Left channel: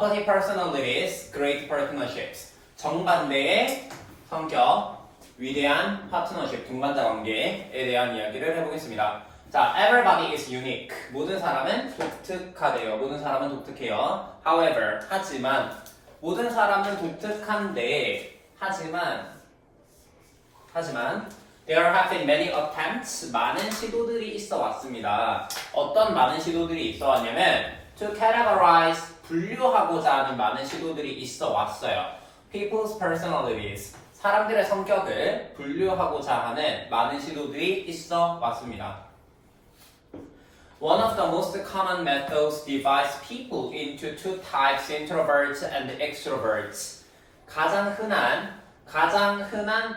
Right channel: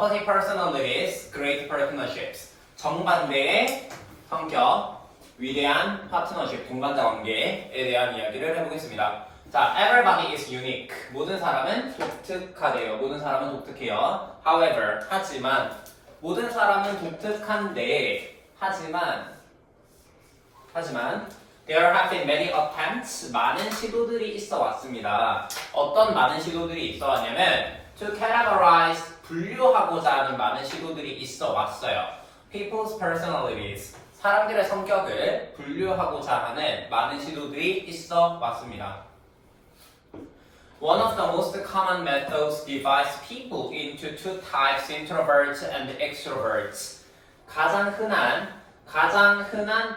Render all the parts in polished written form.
opposite personalities, great partnerships. 정반대의 성격, 위대한 파트너십, 동반자 관계에 대한 이야기를 해보겠습니다. 자, everybody is unique. 모든 사람은 독특하대요. 모든 사람은 독특해요. However, 하지만 모든 사람은 독특한데 하지만 there have been many attempts. 많은 시도들이 있어 왔습니다. 어떤 많은 시도들이 있어 왔냐면 to categorize. 분류하고자 하는 많은 시도들이 있어 왔어요. People's personalities. 사람들의 성격을 분류하고자 하는 많은 시도들이 있어 왔습니다. One of the most common methods divides people into two types, introverts and extroverts. 가장 흔한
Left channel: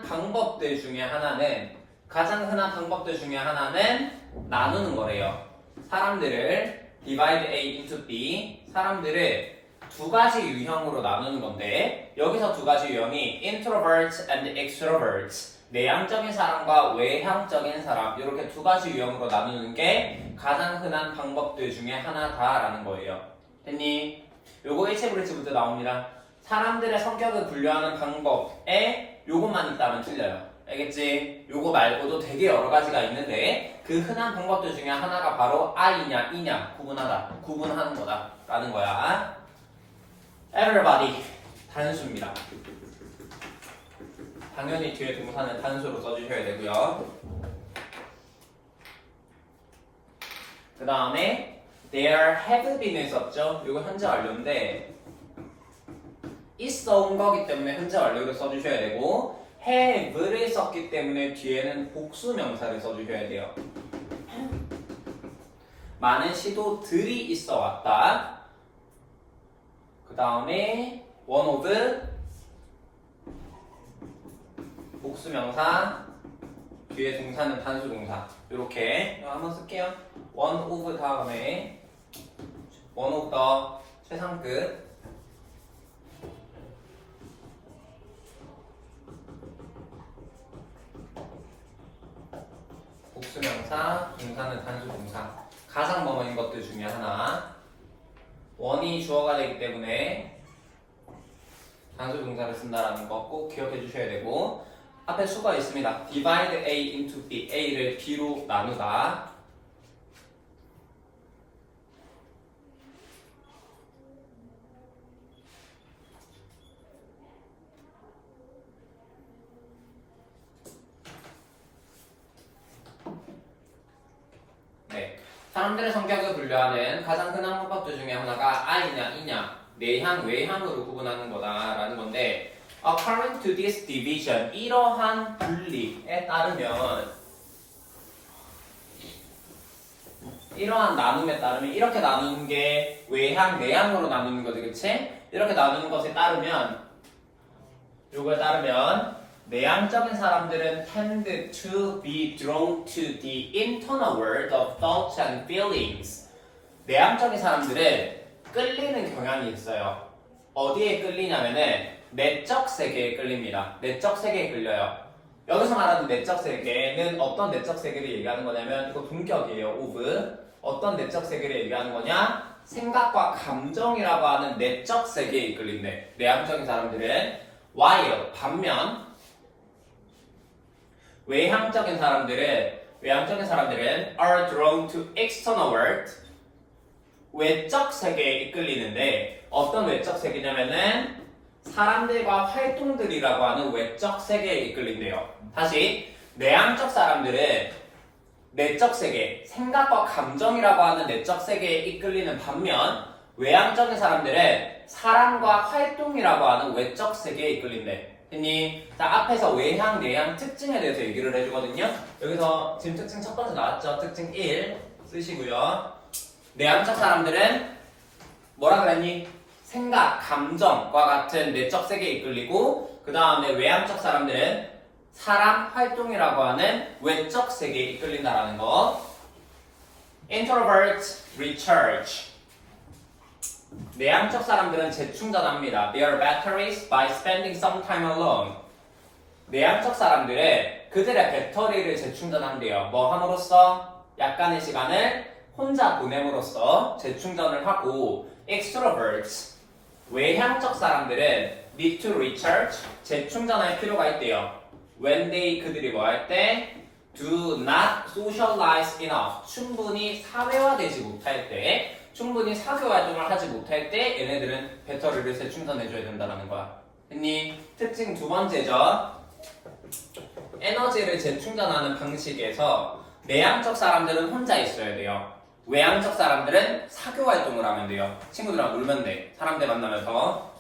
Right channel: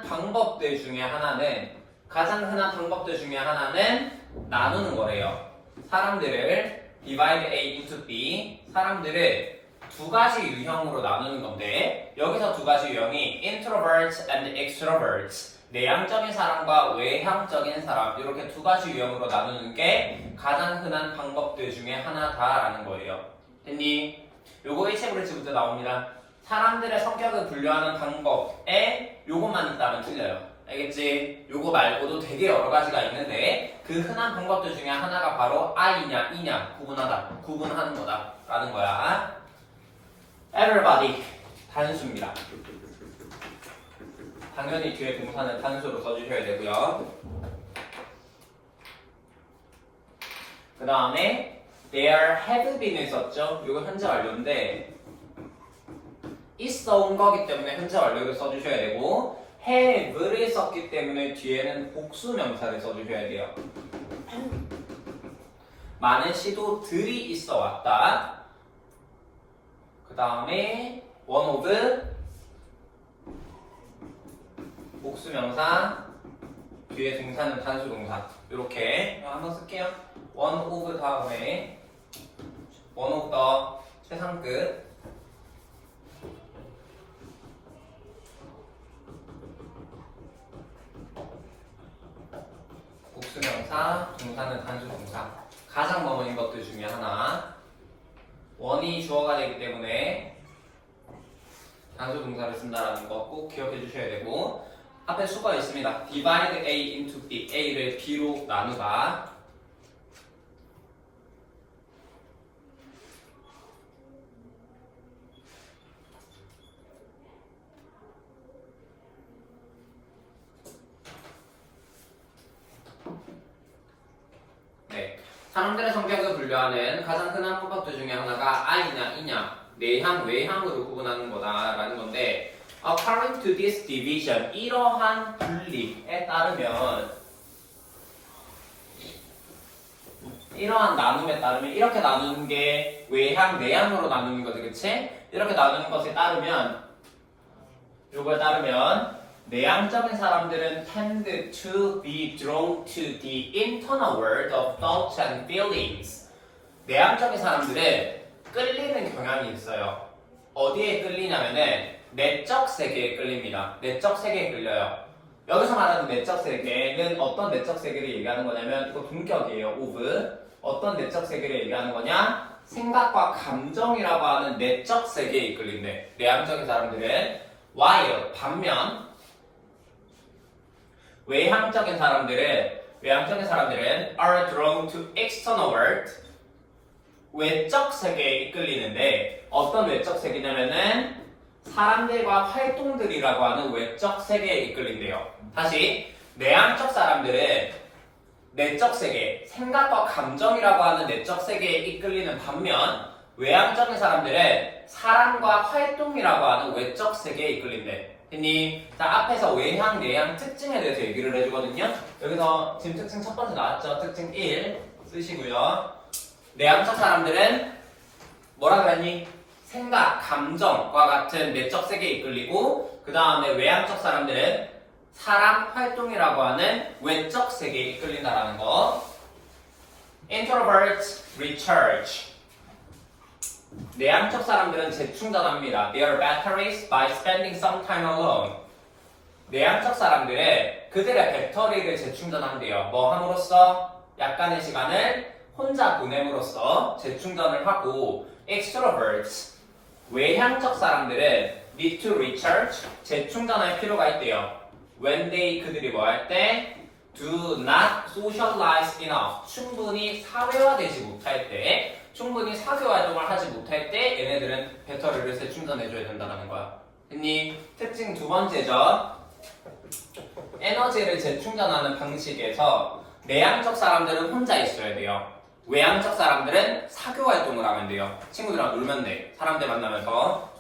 방법들 중에 하나는 나누는 거래요. 사람들을 divide A into B, 사람들을 두 가지 유형으로 나누는 건데 여기서 두 가지 유형이 introverts and extroverts. 내향적인 사람과 외향적인 사람 이렇게 두 가지 유형으로 나누는 게 가장 흔한 방법들 중에 하나다라는 거예요. 됐니? 요거 일체불일치부터 나옵니다. 사람들의 성격을 분류하는 방법에 요것만 있다면 틀려요. 알겠지? 요거 말고도 되게 여러 가지가 있는데 그 흔한 방법들 중에 하나가 바로 I냐 E냐 구분하는 거다 라는 거야. Everybody 단수입니다. 당연히 뒤에 동사는 단수로 써주셔야 되고요. 그 다음에 there have been을 썼죠. 이거 현재 완료인데 있어 온 거기 때문에 현재 완료를 써주셔야 되고 have를 썼기 때문에 뒤에는 복수 명사를 써주셔야 돼요. 많은 시도들이 있어 왔다. 그 다음에 one of 복수명사, 뒤에 동사는 단수동사. 이렇게 한번 쓸게요. one of 다음에 one of the 최상급, 복수명사, 동사는 단수동사. 가장 넘어진 것들 중에 하나. one이 주어가 되기 때문에 단수동사를 쓴다라는 거 꼭 기억해 주셔야 되고 앞에 수가 있습니다. divide A into B. A를 B로 나누다. 네, 사람들의 성격을 분류하는 가장 흔한 방법들 중에 하나가 I냐 E냐 내향, 외향으로 구분하는 거다라는 건데 according to this division, 이러한 분리에 따르면 이러한 나눔에 따르면 이렇게 나누는 게 외향, 내향으로 나누는 거지, 그치? 이렇게 나누는 것에 따르면 요거에 따르면 내향적인 사람들은 tend to be drawn to the internal world of thoughts and feelings. 내향적인 사람들은 끌리는 경향이 있어요. 어디에 끌리냐면은 내적 세계에 끌립니다. 내적 세계에 끌려요. 여기서 말하는 내적 세계는 어떤 내적 세계를 얘기하는 거냐면 이거 동격이에요. of. 어떤 내적 세계를 얘기하는 거냐? 생각과 감정이라고 하는 내적 세계에 이끌린대. 내향적인 사람들은 while 반면 외향적인 사람들은 are drawn to external world. 외적 세계에 이끌리는데 어떤 외적 세계냐면은 사람들과 활동들이라고 하는 외적 세계에 이끌린대요. 다시 내향적 사람들은 내적 세계, 생각과 감정이라고 하는 내적 세계에 이끌리는 반면 외향적인 사람들은 사람과 활동이라고 하는 외적 세계에 이끌린대. 했니? 자, 앞에서 외향, 내향 특징에 대해서 얘기를 해주거든요. 여기서 지금 특징 첫 번째 나왔죠? 특징 1 쓰시고요. 내향적 사람들은 뭐라 그랬니? 생각, 감정과 같은 내적 세계에 이끌리고 그 다음에 외향적 사람들은 사람, 활동이라고 하는 외적 세계에 이끌린다라는 거. Introverts recharge. 내향적 사람들은 재충전합니다. Their batteries by spending some time alone. 내향적 사람들은 그들의 배터리를 재충전한대요. 뭐 함으로써? 약간의 시간을 혼자 보냄으로써 재충전을 하고 extroverts 외향적 사람들은 need to recharge, 재충전할 필요가 있대요. when they 그들이 뭐 할 때 do not socialize enough, 충분히 사회화되지 못할 때, 충분히 사교 활동을 하지 못할 때 얘네들은 배터리를 재충전해줘야 된다는 거야. 했니? 특징 두 번째죠. 에너지를 재충전하는 방식에서 내향적 사람들은 혼자 있어야 돼요. 외향적 사람들은 사교 활동을 하면 돼요. 친구들이랑 놀면 돼. 사람들 만나면서.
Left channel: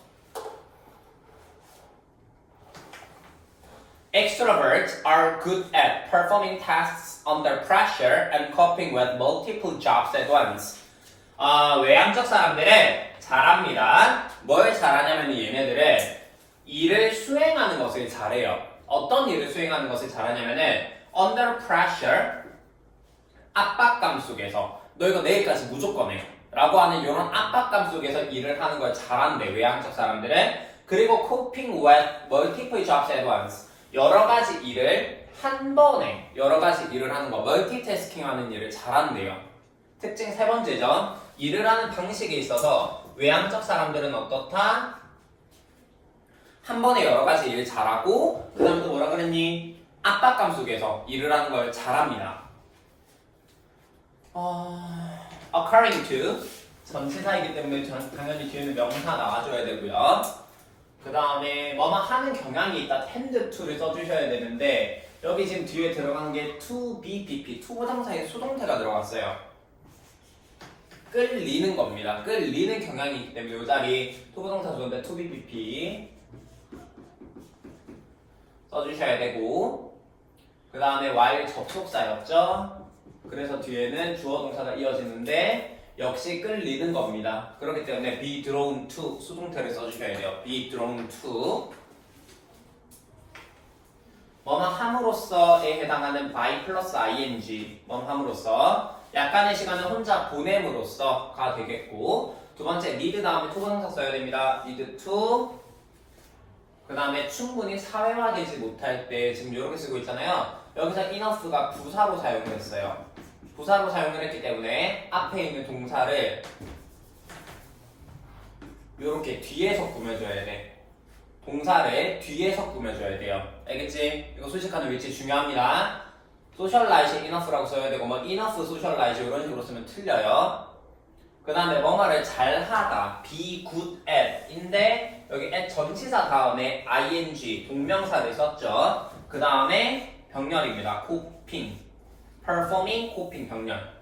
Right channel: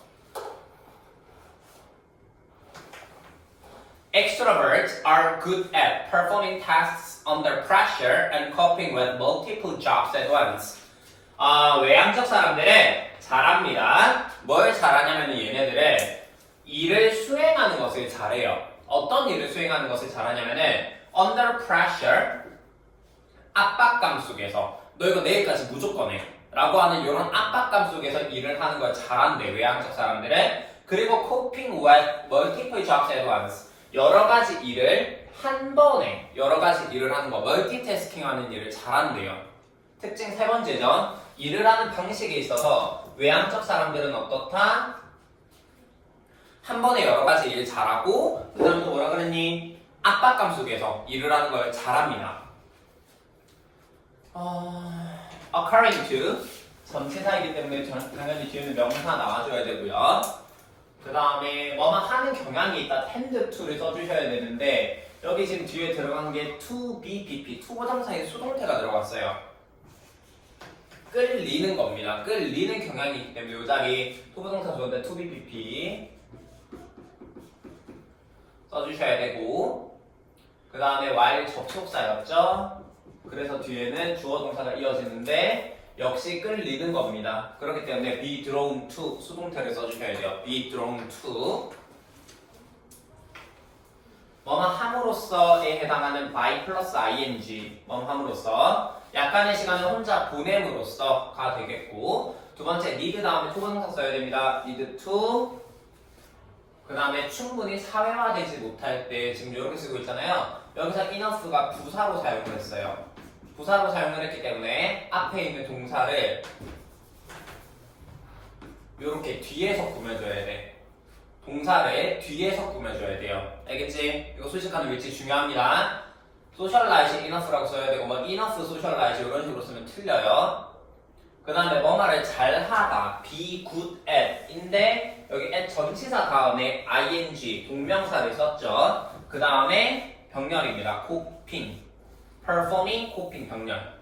Extroverts are good at performing tasks under pressure and coping with multiple jobs at once. 외향적 사람들은 잘합니다. 뭘 잘하냐면 얘네들은 일을 수행하는 것을 잘해요. 어떤 일을 수행하는 것을 잘하냐면은 under pressure, 압박감 속에서 너 이거 내일까지 무조건 해 라고 하는 이런 압박감 속에서 일을 하는 걸 잘한대, 외향적 사람들은. 그리고 coping with multiple jobs at once, 여러 가지 일을 한 번에 여러 가지 일을 하는 거, 멀티태스킹 하는 일을 잘한대요. 특징 세 번째죠. 일을 하는 방식에 있어서 외향적 사람들은 어떻다? 한 번에 여러 가지 일을 잘하고, 그 다음에 또 뭐라 그랬니? 압박감 속에서 일을 하는 걸 잘합니다. According to, 전치사이기 때문에 당연히 뒤에는 명사 나와줘야 되고요. 그 다음에 뭐뭐 하는 경향이 있다, tend to를 써주셔야 되는데 여기 지금 뒤에 들어간 게 to be, pp, 투부정사인 수동태가 들어갔어요. 끌리는 겁니다. 끌리는 경향이 있기 때문에 이 자리 투부정사 좋은데 to be, pp 써주셔야 되고, 그 다음에 while 접속사였죠. 그래서 뒤에는 주어 동사가 이어지는데 역시 끌리는 겁니다. 그렇기 때문에 be drawn to 수동태를 써주셔야 돼요. be drawn to 뭐뭐 함으로써에 해당하는 by 플러스 ing, 뭐뭐 함으로써, 약간의 시간을 혼자 보냄으로써가 되겠고, 두 번째 need 다음에 투부정사 써야 됩니다. need to. 그 다음에 충분히 사회화되지 못할 때 지금 이렇게 쓰고 있잖아요. 여기서 enough가 부사로 사용을 했어요. 부사로 사용을 했기 때문에 앞에 있는 동사를 이렇게 뒤에서 꾸며줘야 돼. 동사를 뒤에서 꾸며줘야 돼요. 알겠지? 이거 수식하는 위치 중요합니다. socialize enough라고 써야 되고, 뭐 enough socialize 이런 식으로 쓰면 틀려요. 그 다음에 뭐뭐를 잘하다, be good at 인데 여기 at 전치사 다음에 ing 동명사를 썼죠. 그 다음에 병렬입니다. coping, performing, coping 병렬.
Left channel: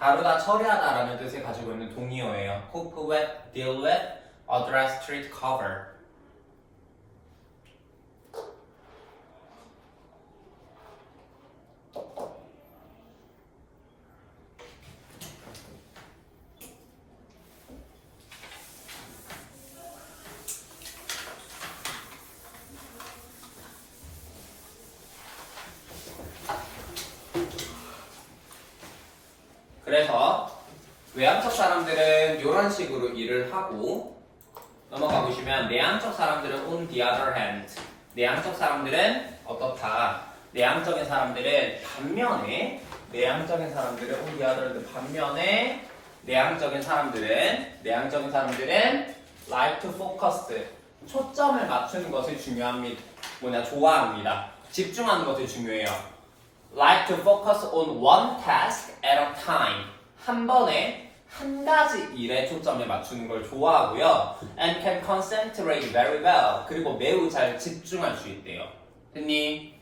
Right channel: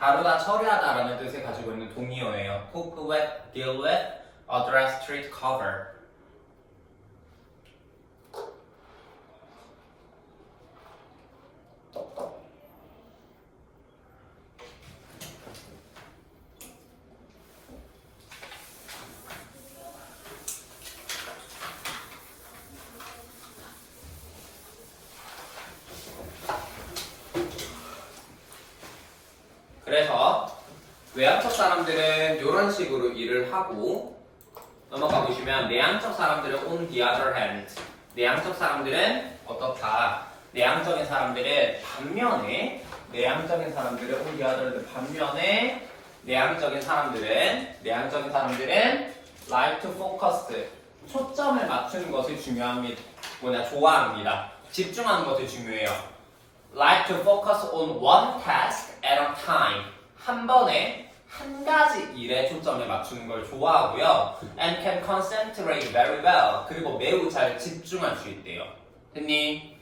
다루다, 처리하다라는 뜻을 가지고 있는 동의어예요. cope with, deal with, address, treat, cover. 그래서 외향적 사람들은 이런 식으로 일을 하고, 넘어가 보시면 내향적 사람들은 on the other hand, 내향적 사람들은 어떻다? 내향적인 사람들은 반면에 on the other hand, 반면에 내향적인 사람들은 like to focus, 초점을 맞추는 것을 좋아합니다. 집중하는 것을 중요해요. like to focus on one task at a time. 한 번에 한 가지 일에 초점을 맞추는 걸 좋아하고요. and can concentrate very well. 그리고 매우 잘 집중할 수 있대요. 됐니?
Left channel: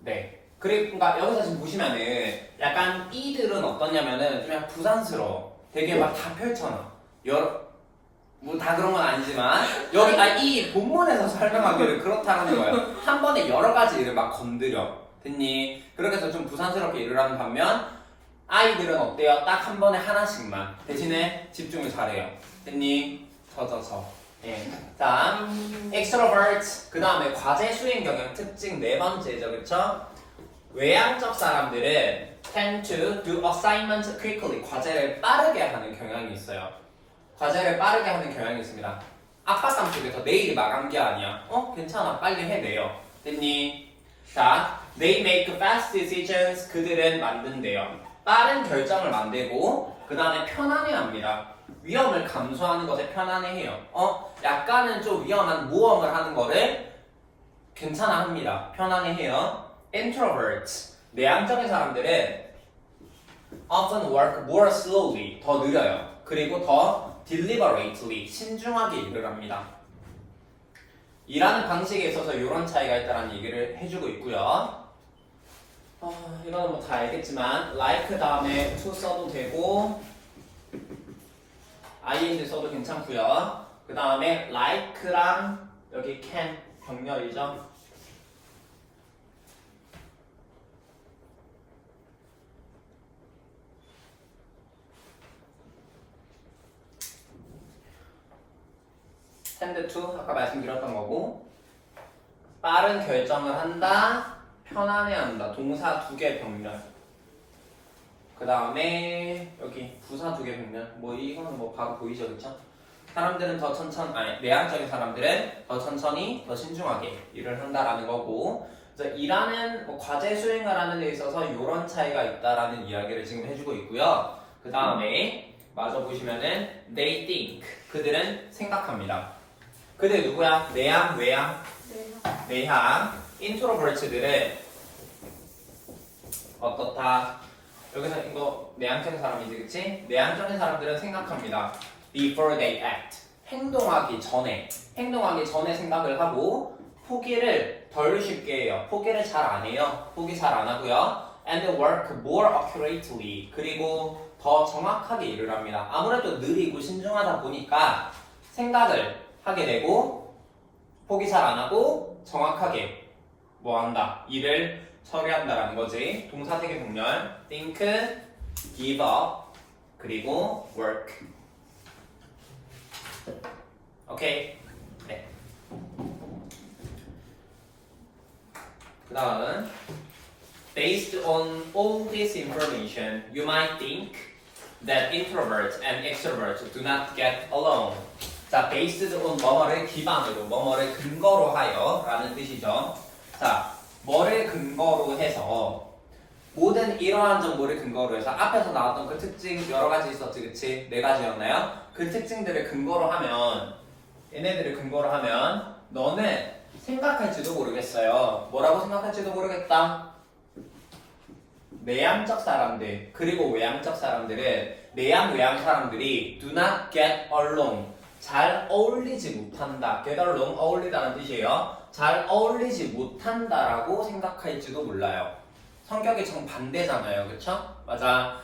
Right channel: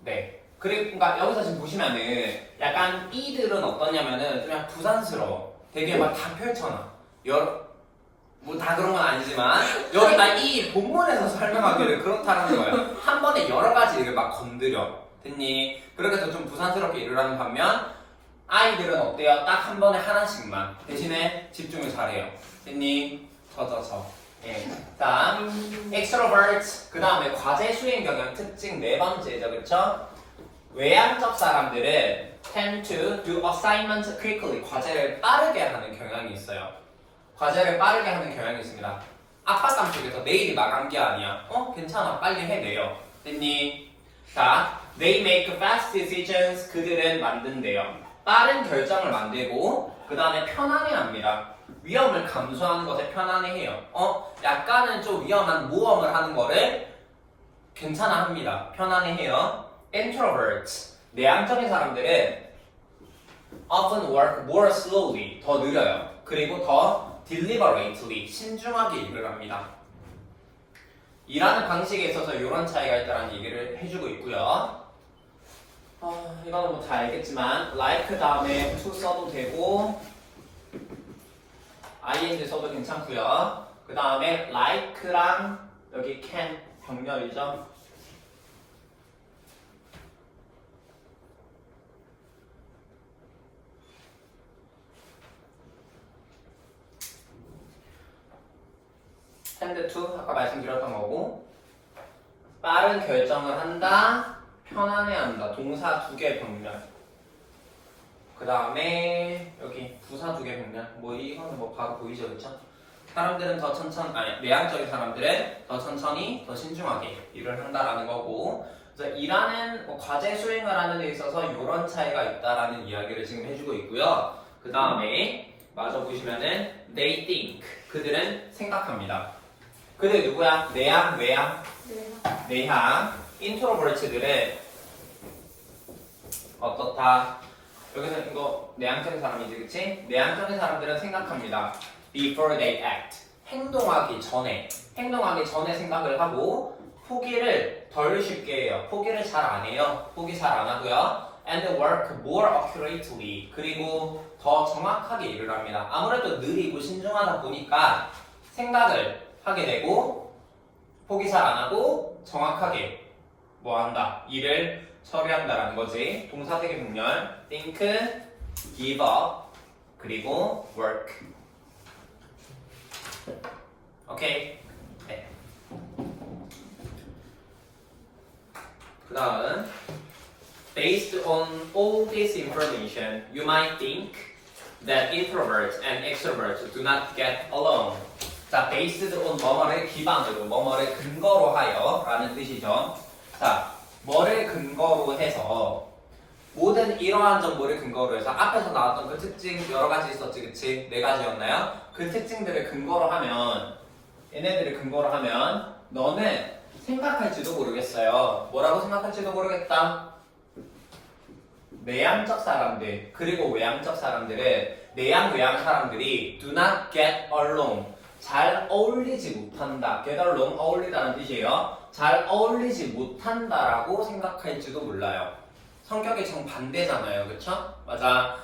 네. 그러니까 여기서 지금 보시면은 약간 이들은 어떠냐면은 좀 약간 부산스러워. 되게 막 다 펼쳐놔. 뭐 다 그런 건 아니지만 여기 막 이 본문에서 설명하기를 그렇다는 거예요. 한 번에 여러 가지 일을 막 건드려. 됐니? 그렇게 해서 좀 부산스럽게 일을 하는 반면 아이들은 어때요? 딱 한 번에 하나씩만. 대신에 집중을 잘해요. 됐니? 예. 자, extrovert. 그 다음에 과제 수행 경향 특징 네 번째죠, 그렇죠? 외향적 사람들은 tend to do assignments quickly. 과제를 빠르게 하는 경향이 있어요. 과제를 빠르게 하는 경향이 있습니다. 압박감 속에서 내일이 마감기 아니야. 괜찮아. 빨리 해내요. 됐니? 자, they make fast decisions. 그들은 만든대요. 빠른 결정을 만들고 그 다음에 편안해합니다. 위험을 감수하는 것에 편안해해요. 약간은 좀 위험한 모험을 하는 거를 괜찮아합니다. 편안해해요. Introverts. 내향적인 사람들은 often work more slowly. 더 느려요. 그리고 더 deliberately. 신중하게 일을 합니다. 일하는 방식에 있어서 이런 차이가 있다는 얘기를 해주고 있고요. 이거는 뭐 다 알겠지만 like 다음에 to 써도 되고 ing 써도 괜찮고요. 그 다음에 like랑 여기 can 병렬이죠. tend to 아까 말씀드렸던 거고 빠른 결정을 한다. 편안해한다. 동사 2개 병렬. 그 다음에 여기 부사 2개 병렬. 뭐 이거는 뭐 바로 보이죠, 그렇죠? 사람들은 더 내향적인 사람들은 더 천천히, 더 신중하게 일을 한다라는 거고. 그래서 일하는 과제 수행을 하는 데 있어서 이런 차이가 있다라는 이야기를 지금 해주고 있고요. 그 다음에 마저 보시면은 they think. 그들은 생각합니다. 그들 누구야? 내향, 외향? 내향. 인트로버트들은 어떻다? 여기서 이거 내향적인 사람이지, 그치? 내향적인 사람들은 생각합니다. Before they act. 행동하기 전에 생각을 하고 포기를 덜 쉽게 해요. 포기를 잘 안 해요. 포기 잘 안 하고요. And work more accurately. 그리고 더 정확하게 일을 합니다. 아무래도 느리고 신중하다 보니까 생각을 하게 되고 포기 잘 안 하고 정확하게 뭐 한다? 일을 처리한다라는 거지. 동사 3개 병렬 think, give up, 그리고 work. 오케이. 네. 그 다음 based on all this information, you might think that introverts and extroverts do not get along. 자, based on 뭐뭐를 기반으로, 뭐뭐를 근거로 하여 라는 뜻이죠. 자, 뭐를 근거로 해서 모든 이러한 정보를 근거로 해서 앞에서 나왔던 그 특징 여러 가지 있었지, 그치? 4가지였나요? 그 특징들을 근거로 하면 얘네들을 근거로 하면 너는 생각할지도 모르겠어요. 뭐라고 생각할지도 모르겠다. 내향적 사람들 그리고 외향적 사람들은 내향 외향 사람들이 do not get along 잘 어울리지 못한다. get along 어울리다는 뜻이에요. 잘 어울리지 못한다라고 생각할지도 몰라요. 성격이 정반대잖아요. 그쵸? 맞아.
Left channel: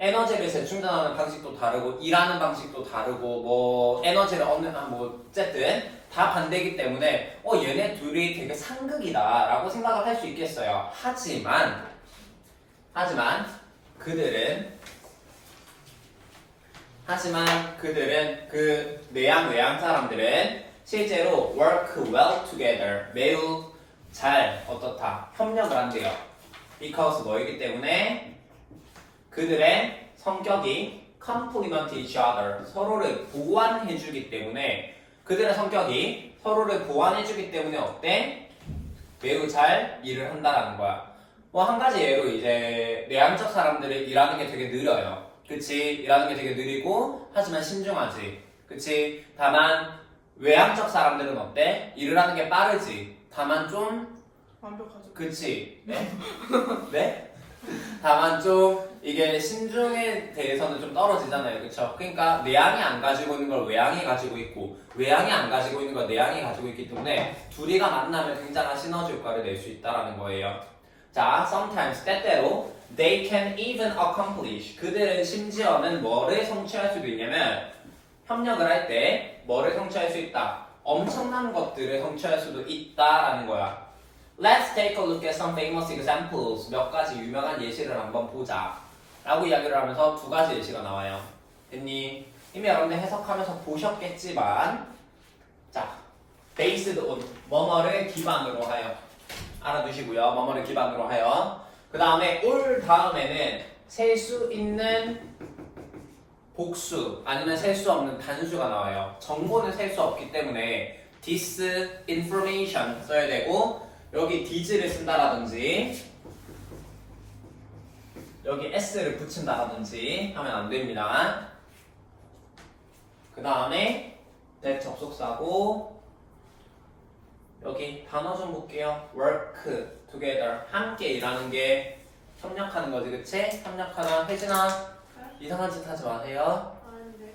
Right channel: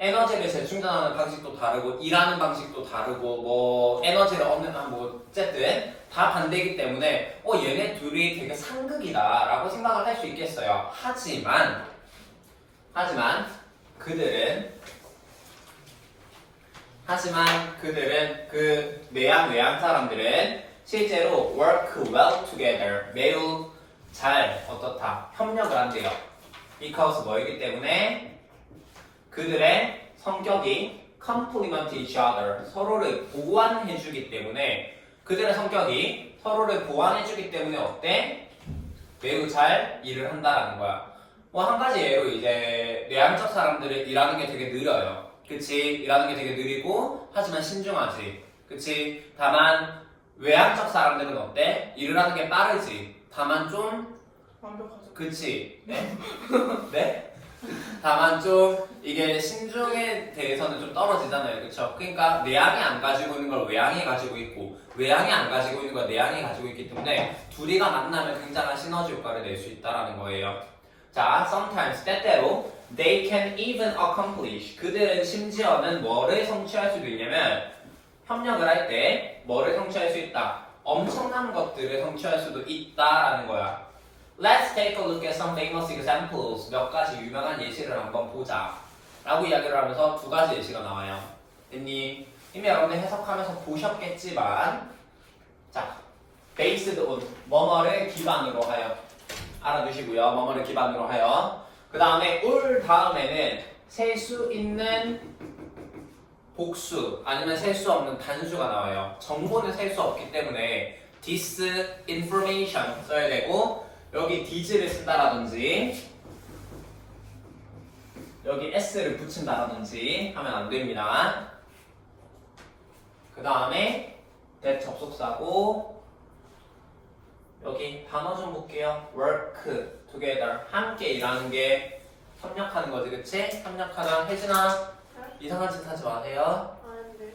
에너지를 재충전하는 방식도 다르고 일하는 방식도 다르고 뭐 에너지를 얻는 뭐 어쨌든 다 반대이기 때문에 얘네 둘이 되게 상극이다 라고 생각을 할 수 있겠어요. 하지만 그들은 그 내향 외향 사람들은 실제로 work well together 매우 잘 어떻다 협력을 한대요. because 뭐이기 때문에 그들의 성격이 complement each other 서로를 보완해주기 때문에 그들의 성격이 서로를 보완해주기 때문에 어때? 매우 잘 일을 한다라는 거야. 뭐 한 가지 예로 이제 내향적 사람들은 일하는 게 되게 느려요. 그치? 일하는 게 되게 느리고 하지만 신중하지. 그치? 다만 외향적 사람들은 어때? 일을 하는 게 빠르지. 다만 좀 완벽하죠. 그치? 네? 네? 다만 좀 이게 신중에 대해서는 좀 떨어지잖아요. 그쵸? 그러니까 내향이 안 가지고 있는 걸 외향이 가지고 있고 외향이 안 가지고 있는 걸 내향이 가지고 있기 때문에 둘이가 만나면 굉장한 시너지 효과를 낼 수 있다는 거예요. 자, sometimes 때때로 they can even accomplish 그들은 심지어는 뭐를 성취할 수도 있냐면 협력을 할 때 뭐를 성취할 수 있다. 엄청난 것들을 성취할 수도 있다라는 거야. Let's take a look at some famous examples. 몇 가지 유명한 예시를 한번 보자. 라고 이야기를 하면서 2가지 예시가 나와요. 됐니? 이미 여러분들 해석하면서 보셨겠지만 자, based on 뭐뭐를 기반으로 하여 알아두시고요. 뭐뭐를 기반으로 하여 그 다음에 올 다음에는 셀 수 있는 복수 아니면 셀 수 없는 단수가 나와요. 정보는 셀 수 없기 때문에 this information 써야 되고 여기 this를 쓴다라든지 여기 s를 붙인다라든지 하면 안 됩니다. 그 다음에 that 접속사고 여기 단어 좀 볼게요. work together 함께 일하는 게 협력하는 거지, 그치? 협력하다. 혜진아 이상한 짓 하지 마세요. 아닌데.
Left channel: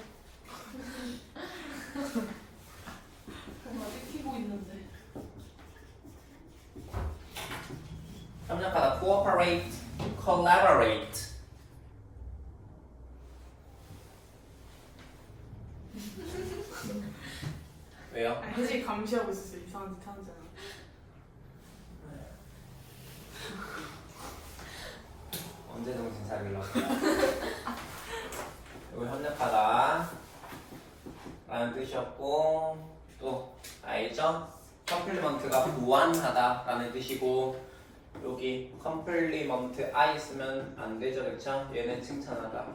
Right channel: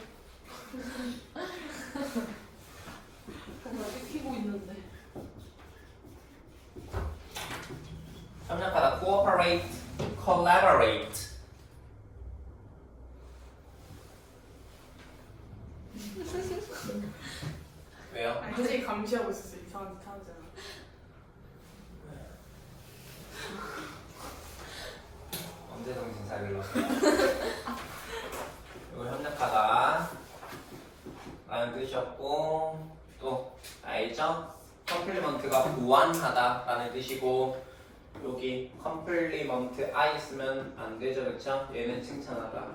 정말 찍히고 있는데. 협력하다. cooperate, collaborate. 왜요? 아니, 혜진이 감시하고 있었어. 이상한 짓 하는 줄 알아. 언제 정신 차리려고? 이거 협력하다 라는 뜻이었고 또 알죠? 컴플리먼트가 보완하다 라는 뜻이고 여기 컴플리먼트 I 쓰면 안 되죠, 그쵸? 얘는 칭찬하다.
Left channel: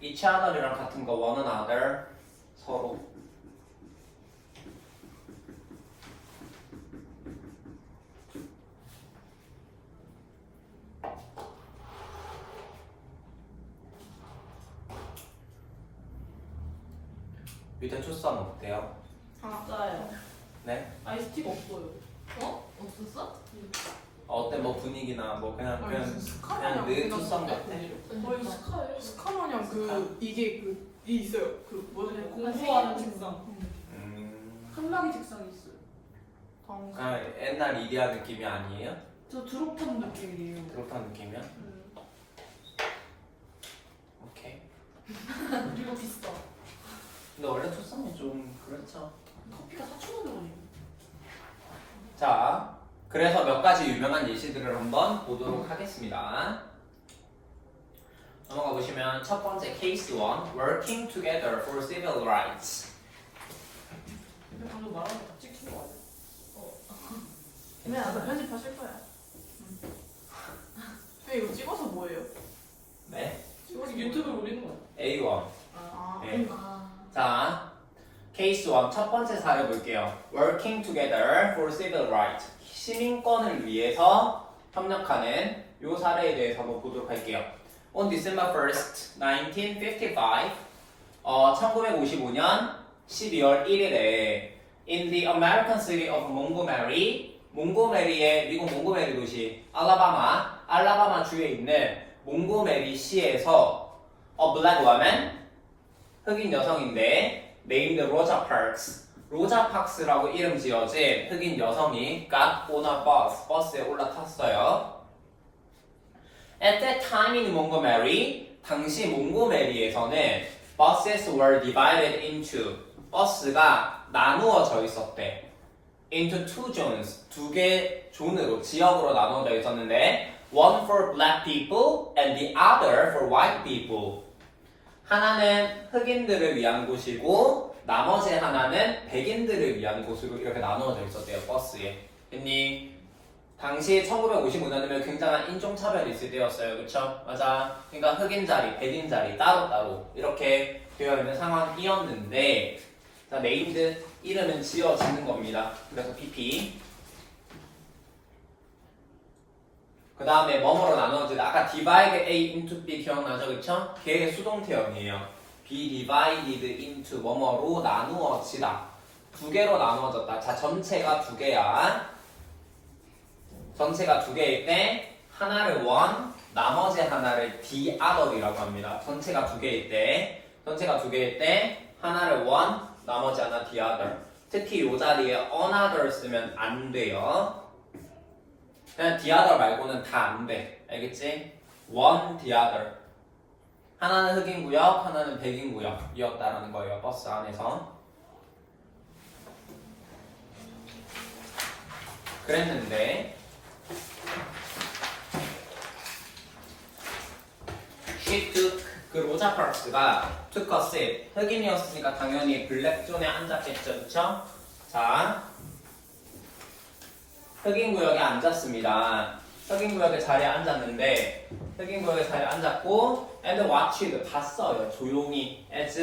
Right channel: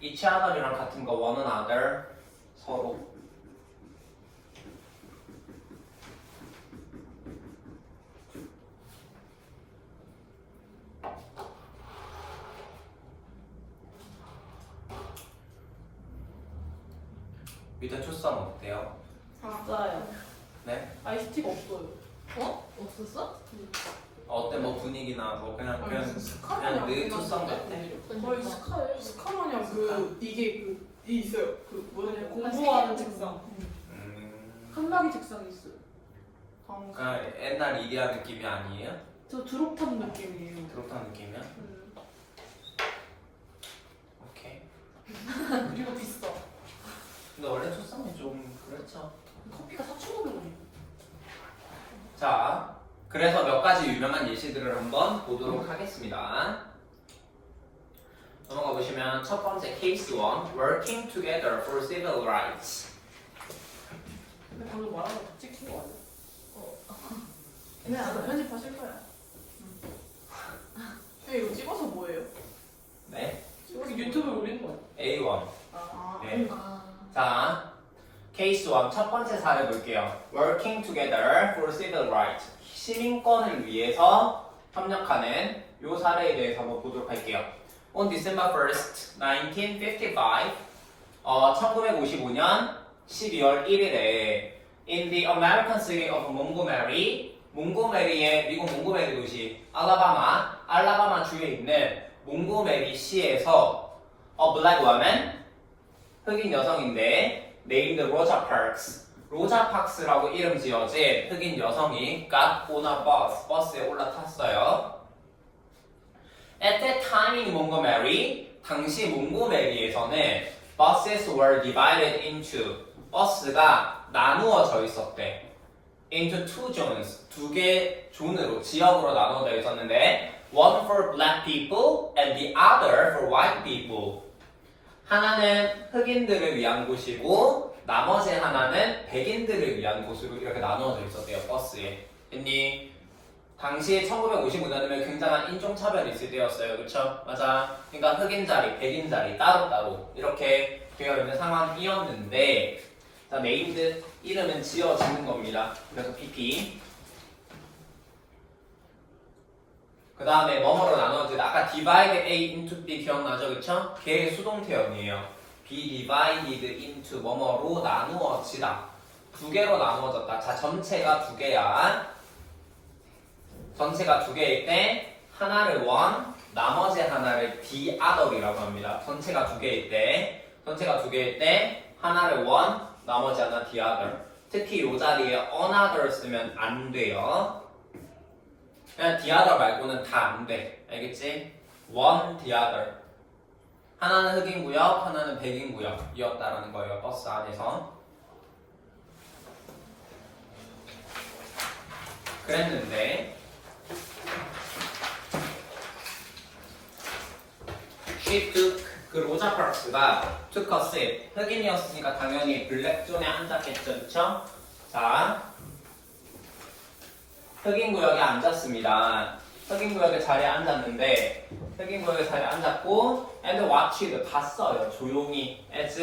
each other이랑 같은 거 one another 서로. 밑에 초성 어때요? 맞아요. 네? 아이스티가 없어요. 어? 없었어? 어때 뭐 분위기나 뭐 그냥 아니, 그냥 무슨 스카마냥 늘 초성 같아. 거의 스카마냥 이게 이 있어요. 그 뭐냐 공부하는 책상. 한마디 책상이 있어요. 그냥 옛날 이디야 느낌이 아니에요? 저 드롭탑 느낌이에요. 그렇다는 느낌이야? 오케이. 그리고 비싸. 근데 원래 초성이 좀 그렇죠. 커피가 4,500원이에요. 자, 그래서 몇 가지 유명한 예시들을 한번 보도록 하겠습니다. 넘어가 보시면 첫 번째 case 1, working together for civil rights. 방금 말한 거 찍힌 거 아니야? 왜 안 편집하실 거야? 이거 찍어서 뭐예요? 네, 찍어서 유튜브에 올리는 거예요? A1. 아, 네. 자, 케이스 1 첫 번째 사례 볼게요. Working together for civil rights. 시민권을 위해서 협력하는 이 사례에 대해서 한번 보도록 할게요. On December 1st, 1955, 1955년 12월 1일에 in the American city of Montgomery, 몽고메리의 미국 몽고메리 도시 알라바마 주에 있는 몽고메리 시에서 a black woman 흑인 여성인데 named 로자 파크스 로자 파크스라고 이름 지어진 흑인 여성이 got on a bus 버스에 올라탔어요. At that time in Montgomery 당시 몽고메리에서는 buses were divided into 버스가 나누어져 있었대. into two zones 두 개 존으로 지역으로 나누어져 있었는데 one for black people and the other for white people. 하나는 흑인들을 위한 곳이고 나머지 하나는 백인들을 위한 곳으로 이렇게 나누어져 있었대요. 버스에. 했니? 당시 1955년이면 굉장한 인종차별이 있을 때였어요. 그쵸? 맞아. 그러니까 흑인 자리, 백인 자리 따로따로 이렇게 되어 있는 상황이었는데 자, 네임드 이름은 지어지는 겁니다. 그래서 PP. 그 다음에 뭐뭐로 나누어지다. 아까 divide A into B 기억나죠? 그쵸? 걔의 수동태형이에요. be divided into 뭐뭐로 나누어지다. 두 개로 나누어졌다. 자, 전체가 두 개야. 전체가 두 개일 때 하나를 one, 나머지 하나를 the other이라고 합니다. 전체가 두 개일 때 하나를 one, 나머지 하나 the other. 특히 이 자리에 another 쓰면 안 돼요. 그냥 the other 말고는 다 안 돼. 알겠지? one, the other. 하나는 흑인 구역, 하나는 백인 구역이었다라는 거예요. 버스 안에서. 그랬는데 she took 그 로자 로자 파크스가 took a seat. 흑인이었으니까 당연히 블랙존에 앉았겠죠, 그쵸? 자, 흑인 구역에 앉았습니다. 흑인 구역의 자리에 앉았는데 흑인 구역의 자리에 앉았고 and watched 봤어요. 조용히 as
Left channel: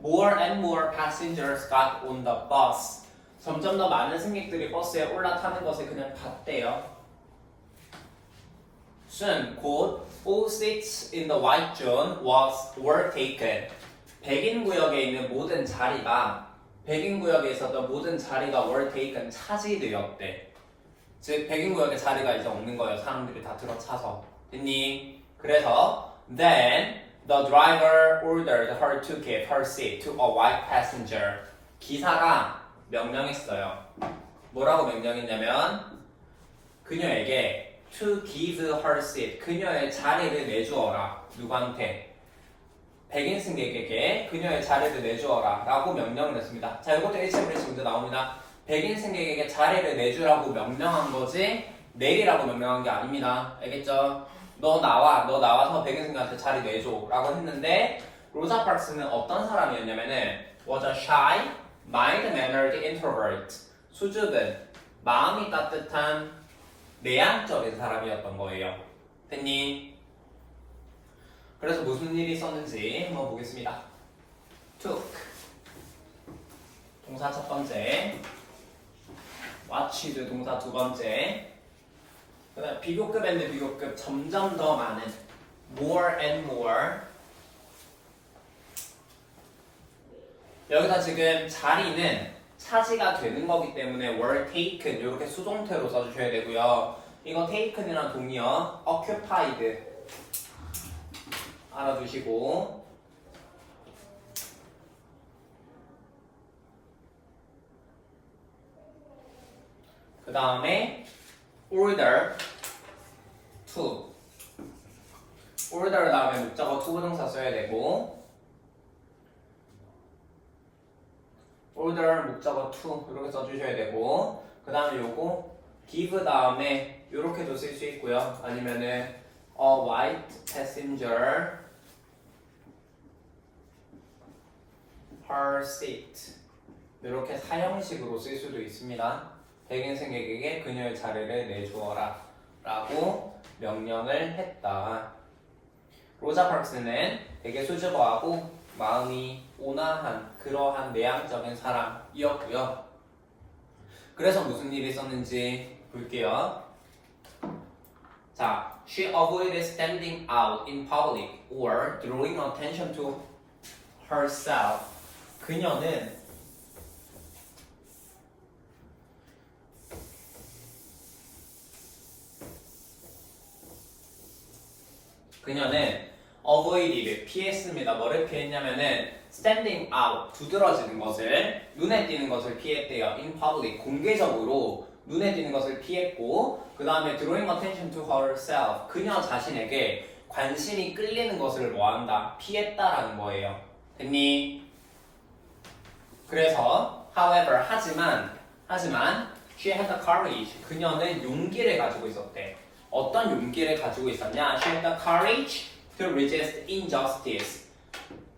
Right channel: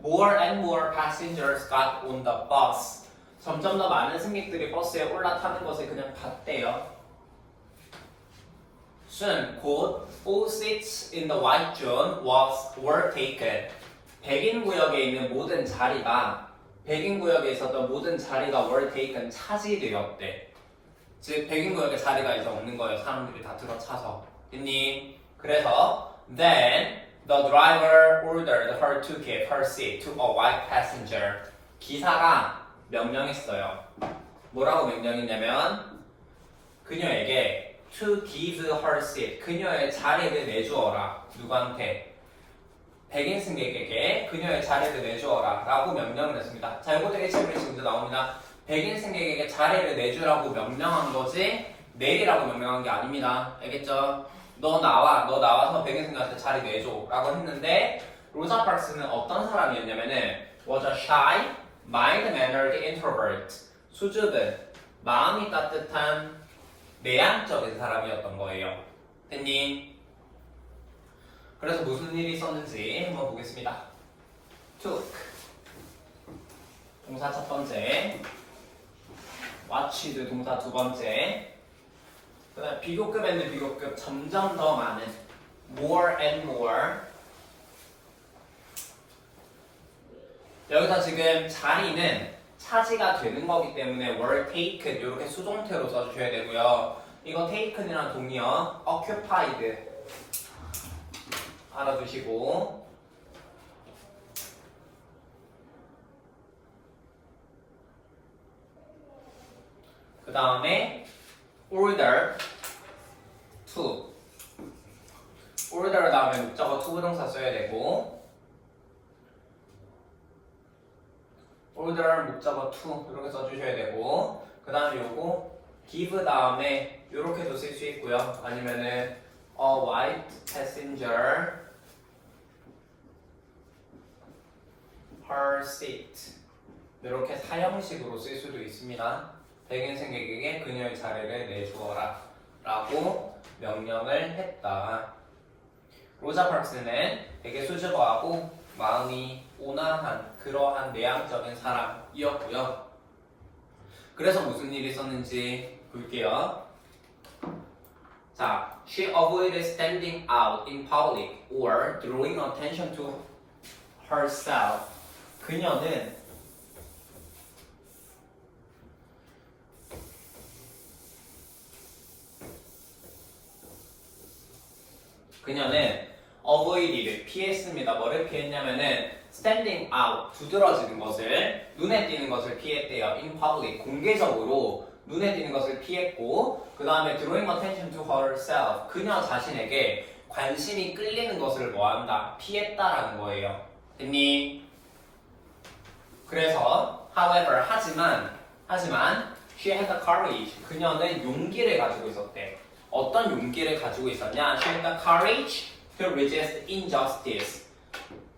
more and more passengers got on the bus. 점점 더 많은 승객들이 버스에 올라타는 것을 그냥 봤대요. Soon, 곧 all seats in the white zone were taken. 백인 구역에 있는 모든 자리가 백인 구역에 있었던 모든 자리가 were taken 차지되었대. 즉 백인 구역의 자리가 이제 없는 거예요. 사람들이 다 들어차서. 됐니? 그래서 then the driver ordered her to give her seat to a white passenger. 기사가 명령했어요. 뭐라고 명령했냐면 그녀에게 to give her seat. 그녀의 자리를 내주어라. 누구한테? 백인 승객에게 그녀의 자리를 내주어라 라고 명령을 했습니다. 자, 이것도 HMB에서 문제 나옵니다. 백인 승객에게 자리를 내주라고 명령한 거지 내리라고 명령한 게 아닙니다. 알겠죠? 너 나와서 백인 승객한테 자리 내줘 라고 했는데 로자 파크스는 어떤 사람이었냐면은 was a shy, mild-mannered introvert. 수줍은, 마음이 따뜻한 내향적인 사람이었던 거예요. 됐니? 그래서 무슨 일이 있었는지 한번 보겠습니다. took 동사 첫 번째, watched 동사 두 번째, 그다음 비교급 and 비교급 점점 더 많은 more and more. 여기서 지금 자리는 차지가 되는 거기 때문에 were taken 이렇게 수동태로 써주셔야 되고요. 이거 taken이랑 동의어 occupied 알아두시고 그 다음에 order to order 다음에 목적어 to 부동사 써야 되고 order 목적어 to 이렇게 써주셔야 되고 그 다음에 요거 give 다음에 요렇게도 쓸 수 있고요. 아니면은 a white passenger her seat 이렇게 사형식으로 쓸 수도 있습니다. 백인 승객에게 그녀의 자리를 내주어라 라고 명령을 했다. 로자 파크스는 되게 수줍어하고 마음이 온화한 그러한 내향적인 사람이었고요. 그래서 무슨 일이 있었는지 볼게요. 자, she avoided standing out in public or drawing attention to herself. 그녀는 avoided 피했습니다. 뭐를 피했냐면은 standing out 두드러지는 것을 눈에 띄는 것을 피했대요. in public 공개적으로 눈에 띄는 것을 피했고 그 다음에 drawing attention to herself 그녀 자신에게 관심이 끌리는 것을 뭐한다? 피했다라는 거예요. 됐니? 그래서 however 하지만 she had the courage 그녀는 용기를 가지고 있었대. 어떤 용기를 가지고 있었냐? She had the courage to resist injustice.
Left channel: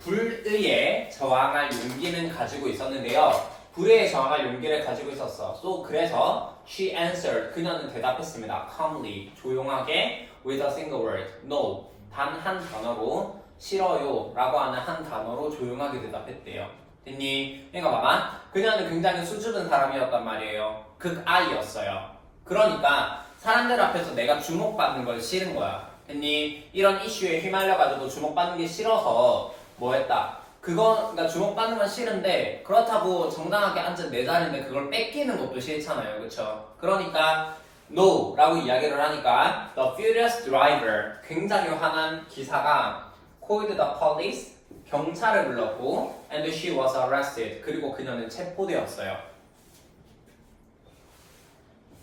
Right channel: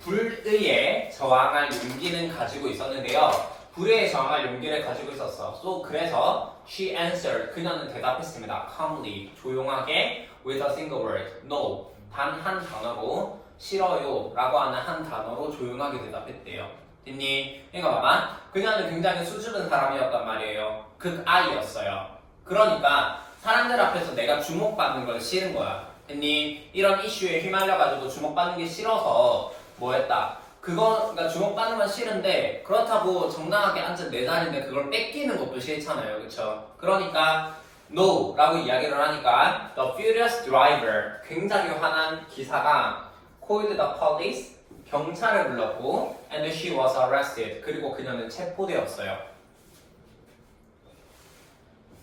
불의에 저항할 용기는 가지고 있었는데요. 불의에 저항할 용기를 가지고 있었어. 그래서 she answered. 그녀는 대답했습니다. calmly, 조용하게 with a single word. No. 단 한 단어로 싫어요 라고 하는 한 단어로 조용하게 대답했대요. 됐니? 그러니까 봐봐. 그녀는 굉장히 수줍은 사람이었단 말이에요. 극아이였어요. 그러니까 사람들 앞에서 내가 주목받는 걸 싫은 거야. 됐니? 이런 이슈에 휘말려가지고 주목받는 게 싫어서 뭐 했다? 그러니까 주목받는 건 싫은데 그렇다고 정당하게 앉은 내 자리인데 그걸 뺏기는 것도 싫잖아요. 그쵸? 그러니까 no 라고 이야기를 하니까 the furious driver 굉장히 화난 기사가 called the police 경찰을 불렀고 and she was arrested 그리고 그녀는 체포되었어요.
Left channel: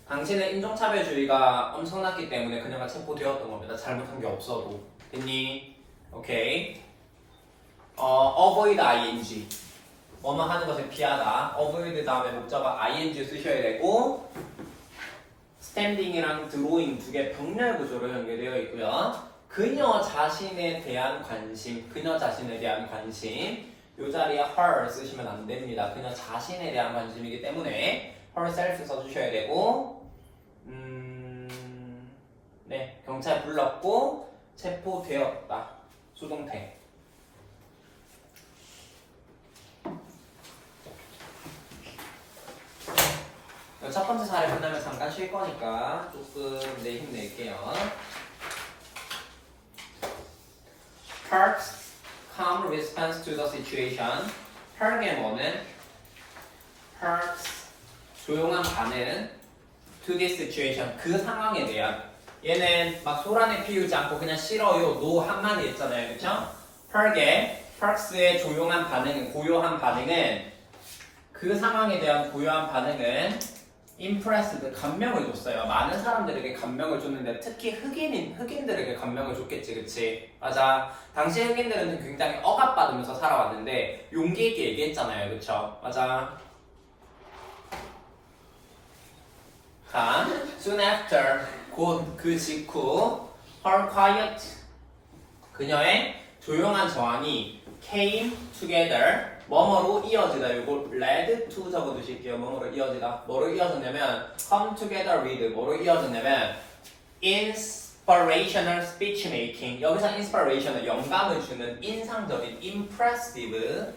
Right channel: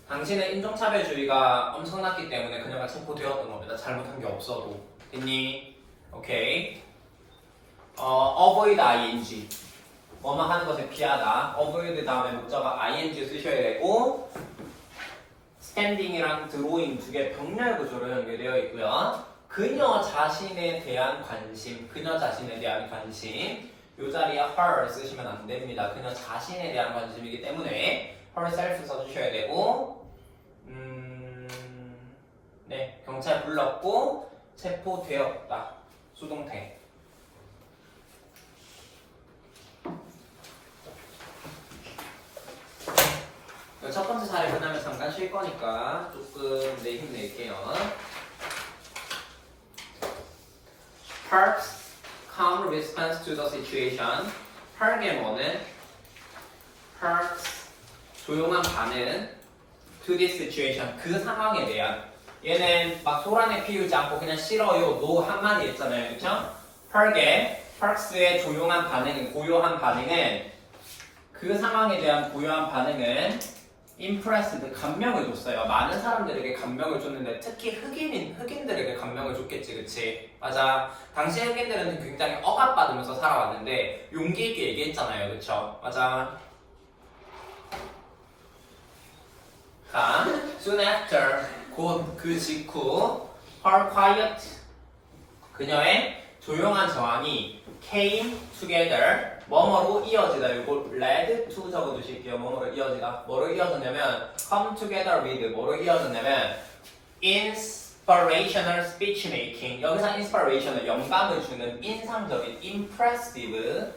당신의 인종차별주의가 엄청났기 때문에 그녀가 체포되었던 겁니다. 잘못한 게 없어도. 됐니? 오케이. avoid ing. 뭐만 하는 것을 피하다. avoid 다음에 목적어 ing 쓰셔야 되고 standing이랑 drawing 두 개 병렬 구조로 연결되어 있고요. 그녀 자신에 대한 관심, 그녀 자신에 대한 관심. 이 자리에 her 쓰시면 안 됩니다. 그녀 자신에 대한 관심이기 때문에 herself 써주셔야 되고, 네, 경찰 불렀고 체포되었다. 수동태. 첫 번째 사례 끝나면 잠깐 쉴 거니까 조금 내 힘 낼게요. Park's calm response to the situation. Park의 뭐는? Park's 조용한 반응 to this situation. 그 상황에 대한. 얘는 막 소란에 피우지 않고 그냥 싫어요, no 한마디 했잖아요, 그쵸? Park의 조용한 반응, 고요한 반응은 그 상황에 대한 고요한 반응은 impressed, 감명을 줬어요. 많은 사람들에게 감명을 줬는데 특히 흑인들에게 감명을 줬겠지, 그치? 맞아. 당시 흑인들은 굉장히 억압받으면서 살아왔는데 용기 있게 얘기했잖아요, 그쵸? 맞아. 자, soon after, 곧 그 직후, her quiet, 그녀의 조용한 저항이 came together, 뭐뭐로 이어지다. 이거 led to 적어두실게요. 뭐뭐로 이어지다. 뭐로 이어졌냐면 come together with, 뭐로 이어졌냐면 inspirational speech making. 여기서 inspirational, 영감을 주는 인상적인 impressive,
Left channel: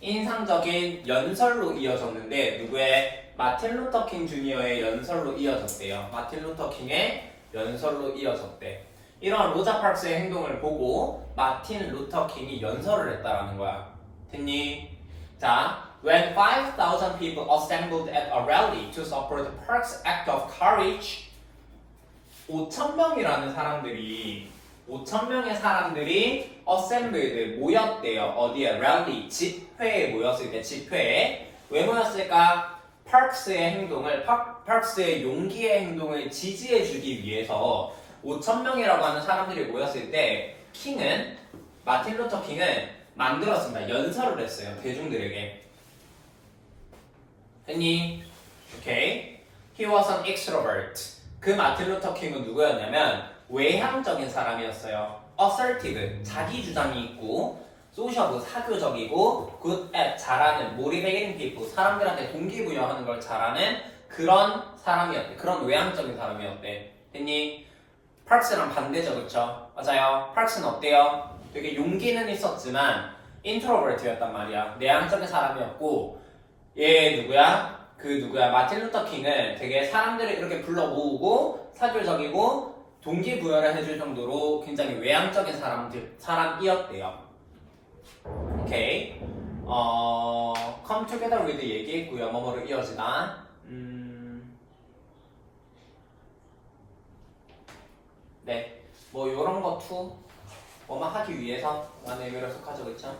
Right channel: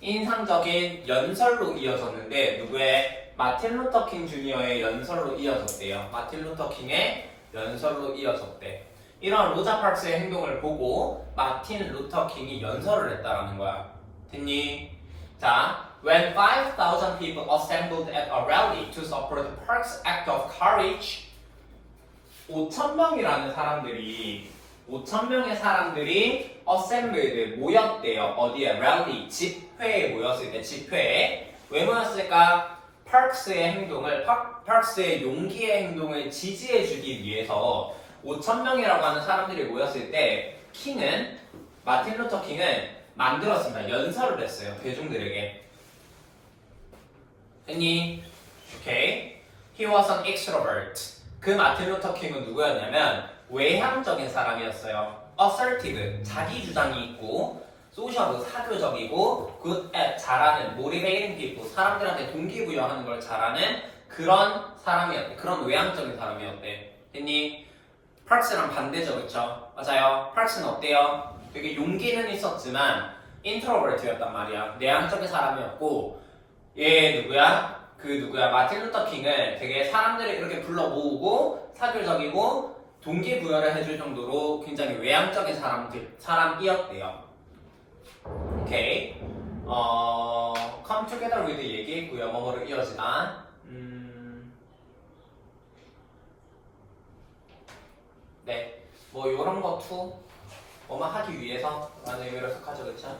인상적인 연설로 이어졌는데 누구의? 마틴 루터 킹 주니어의 연설로 이어졌대요. 마틴 루터 킹의 연설로 이어졌대. 이런 로자 파크스의 행동을 보고 마틴 루터 킹이 연설을 했다라는 거야. 됐니? 자, when 5,000 people assembled at a rally to support Park's act of courage, 5,000명이라는 사람들이 5,000명의 사람들이 assembled, 모였대요. 어디에? rally, 집회에 모였을 때, 집회에. 왜 모였을까? 파크스의 행동을, 파크스의 용기의 행동을 지지해주기 위해서 5,000명이라고 하는 사람들이 모였을 때 킹은, 마틴 루터 킹은 만들었습니다. 연설을 했어요. 대중들에게. 됐니? 오케이. He was an extrovert. 그 마틴 루터 킹은 누구였냐면 외향적인 사람이었어요. assertive, 자기 주장이 있고, social, 사교적이고, good at, 잘하는, motivating people, 사람들한테 동기부여하는 걸 잘하는 그런 사람이었대. 그런 외향적인 사람이었대. 됐니? 파크스랑 반대죠, 그쵸? 맞아요. 파크스는 어때요? 되게 용기는 있었지만 introvert였단 말이야. 내향적인 사람이었고, 얘 누구야? 그 누구야? 마틴 루터 킹은 되게 사람들을 이렇게 불러 모으고 사교적이고 동기부여를 해줄 정도로 굉장히 외향적인 사람이었대요. 오케이. come together with 얘기했고요. 뭐뭐로 이어지다. 네. 뭐 요런 거 투 뭐만 하기 위해서 라는 의미로 해석하죠, 그쵸?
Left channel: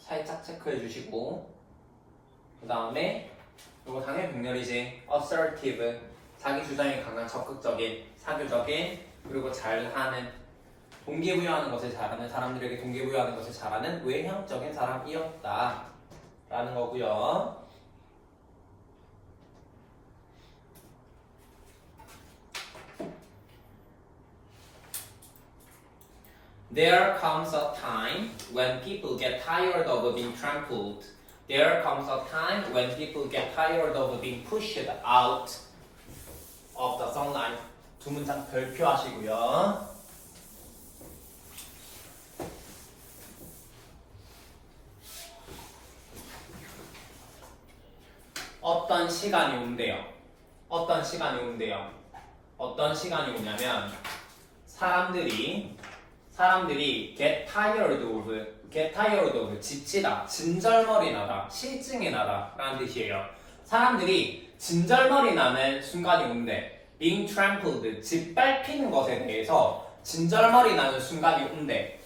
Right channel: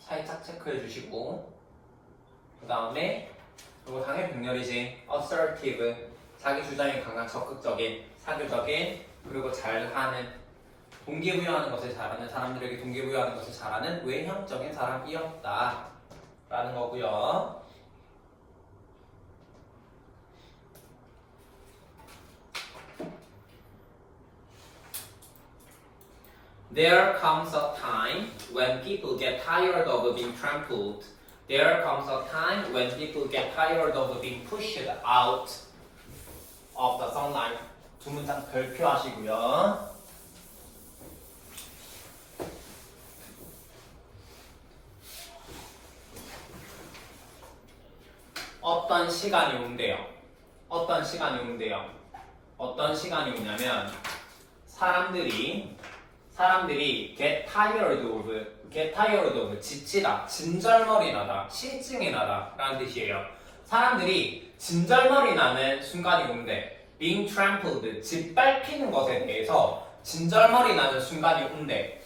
살짝 체크해 주시고, 그 다음에 이거 당연히 병렬이지. assertive, 자기 주장이 강한, 적극적인, 사교적인, 그리고 잘하는, 동기부여하는 것을 잘하는, 사람들에게 동기부여하는 것을 잘하는 외향적인 사람이었다 라는 거고요. There comes a time when people get tired of being trampled. There comes a time when people get tired of being pushed out of the sunlight. 두 문장 별표하시고요. 어떤 시간이 온대요. 어떤 시간이 온대요. 어떤 시간이 오냐면 사람들이 get tired of, 지치다, 진절머리 나다, 실증이 나다 라는 뜻이에요. 사람들이 진절머리 나는 순간이 온대. being trampled, 짓밟히는 것에 대해서 진절머리 나는 순간이 온대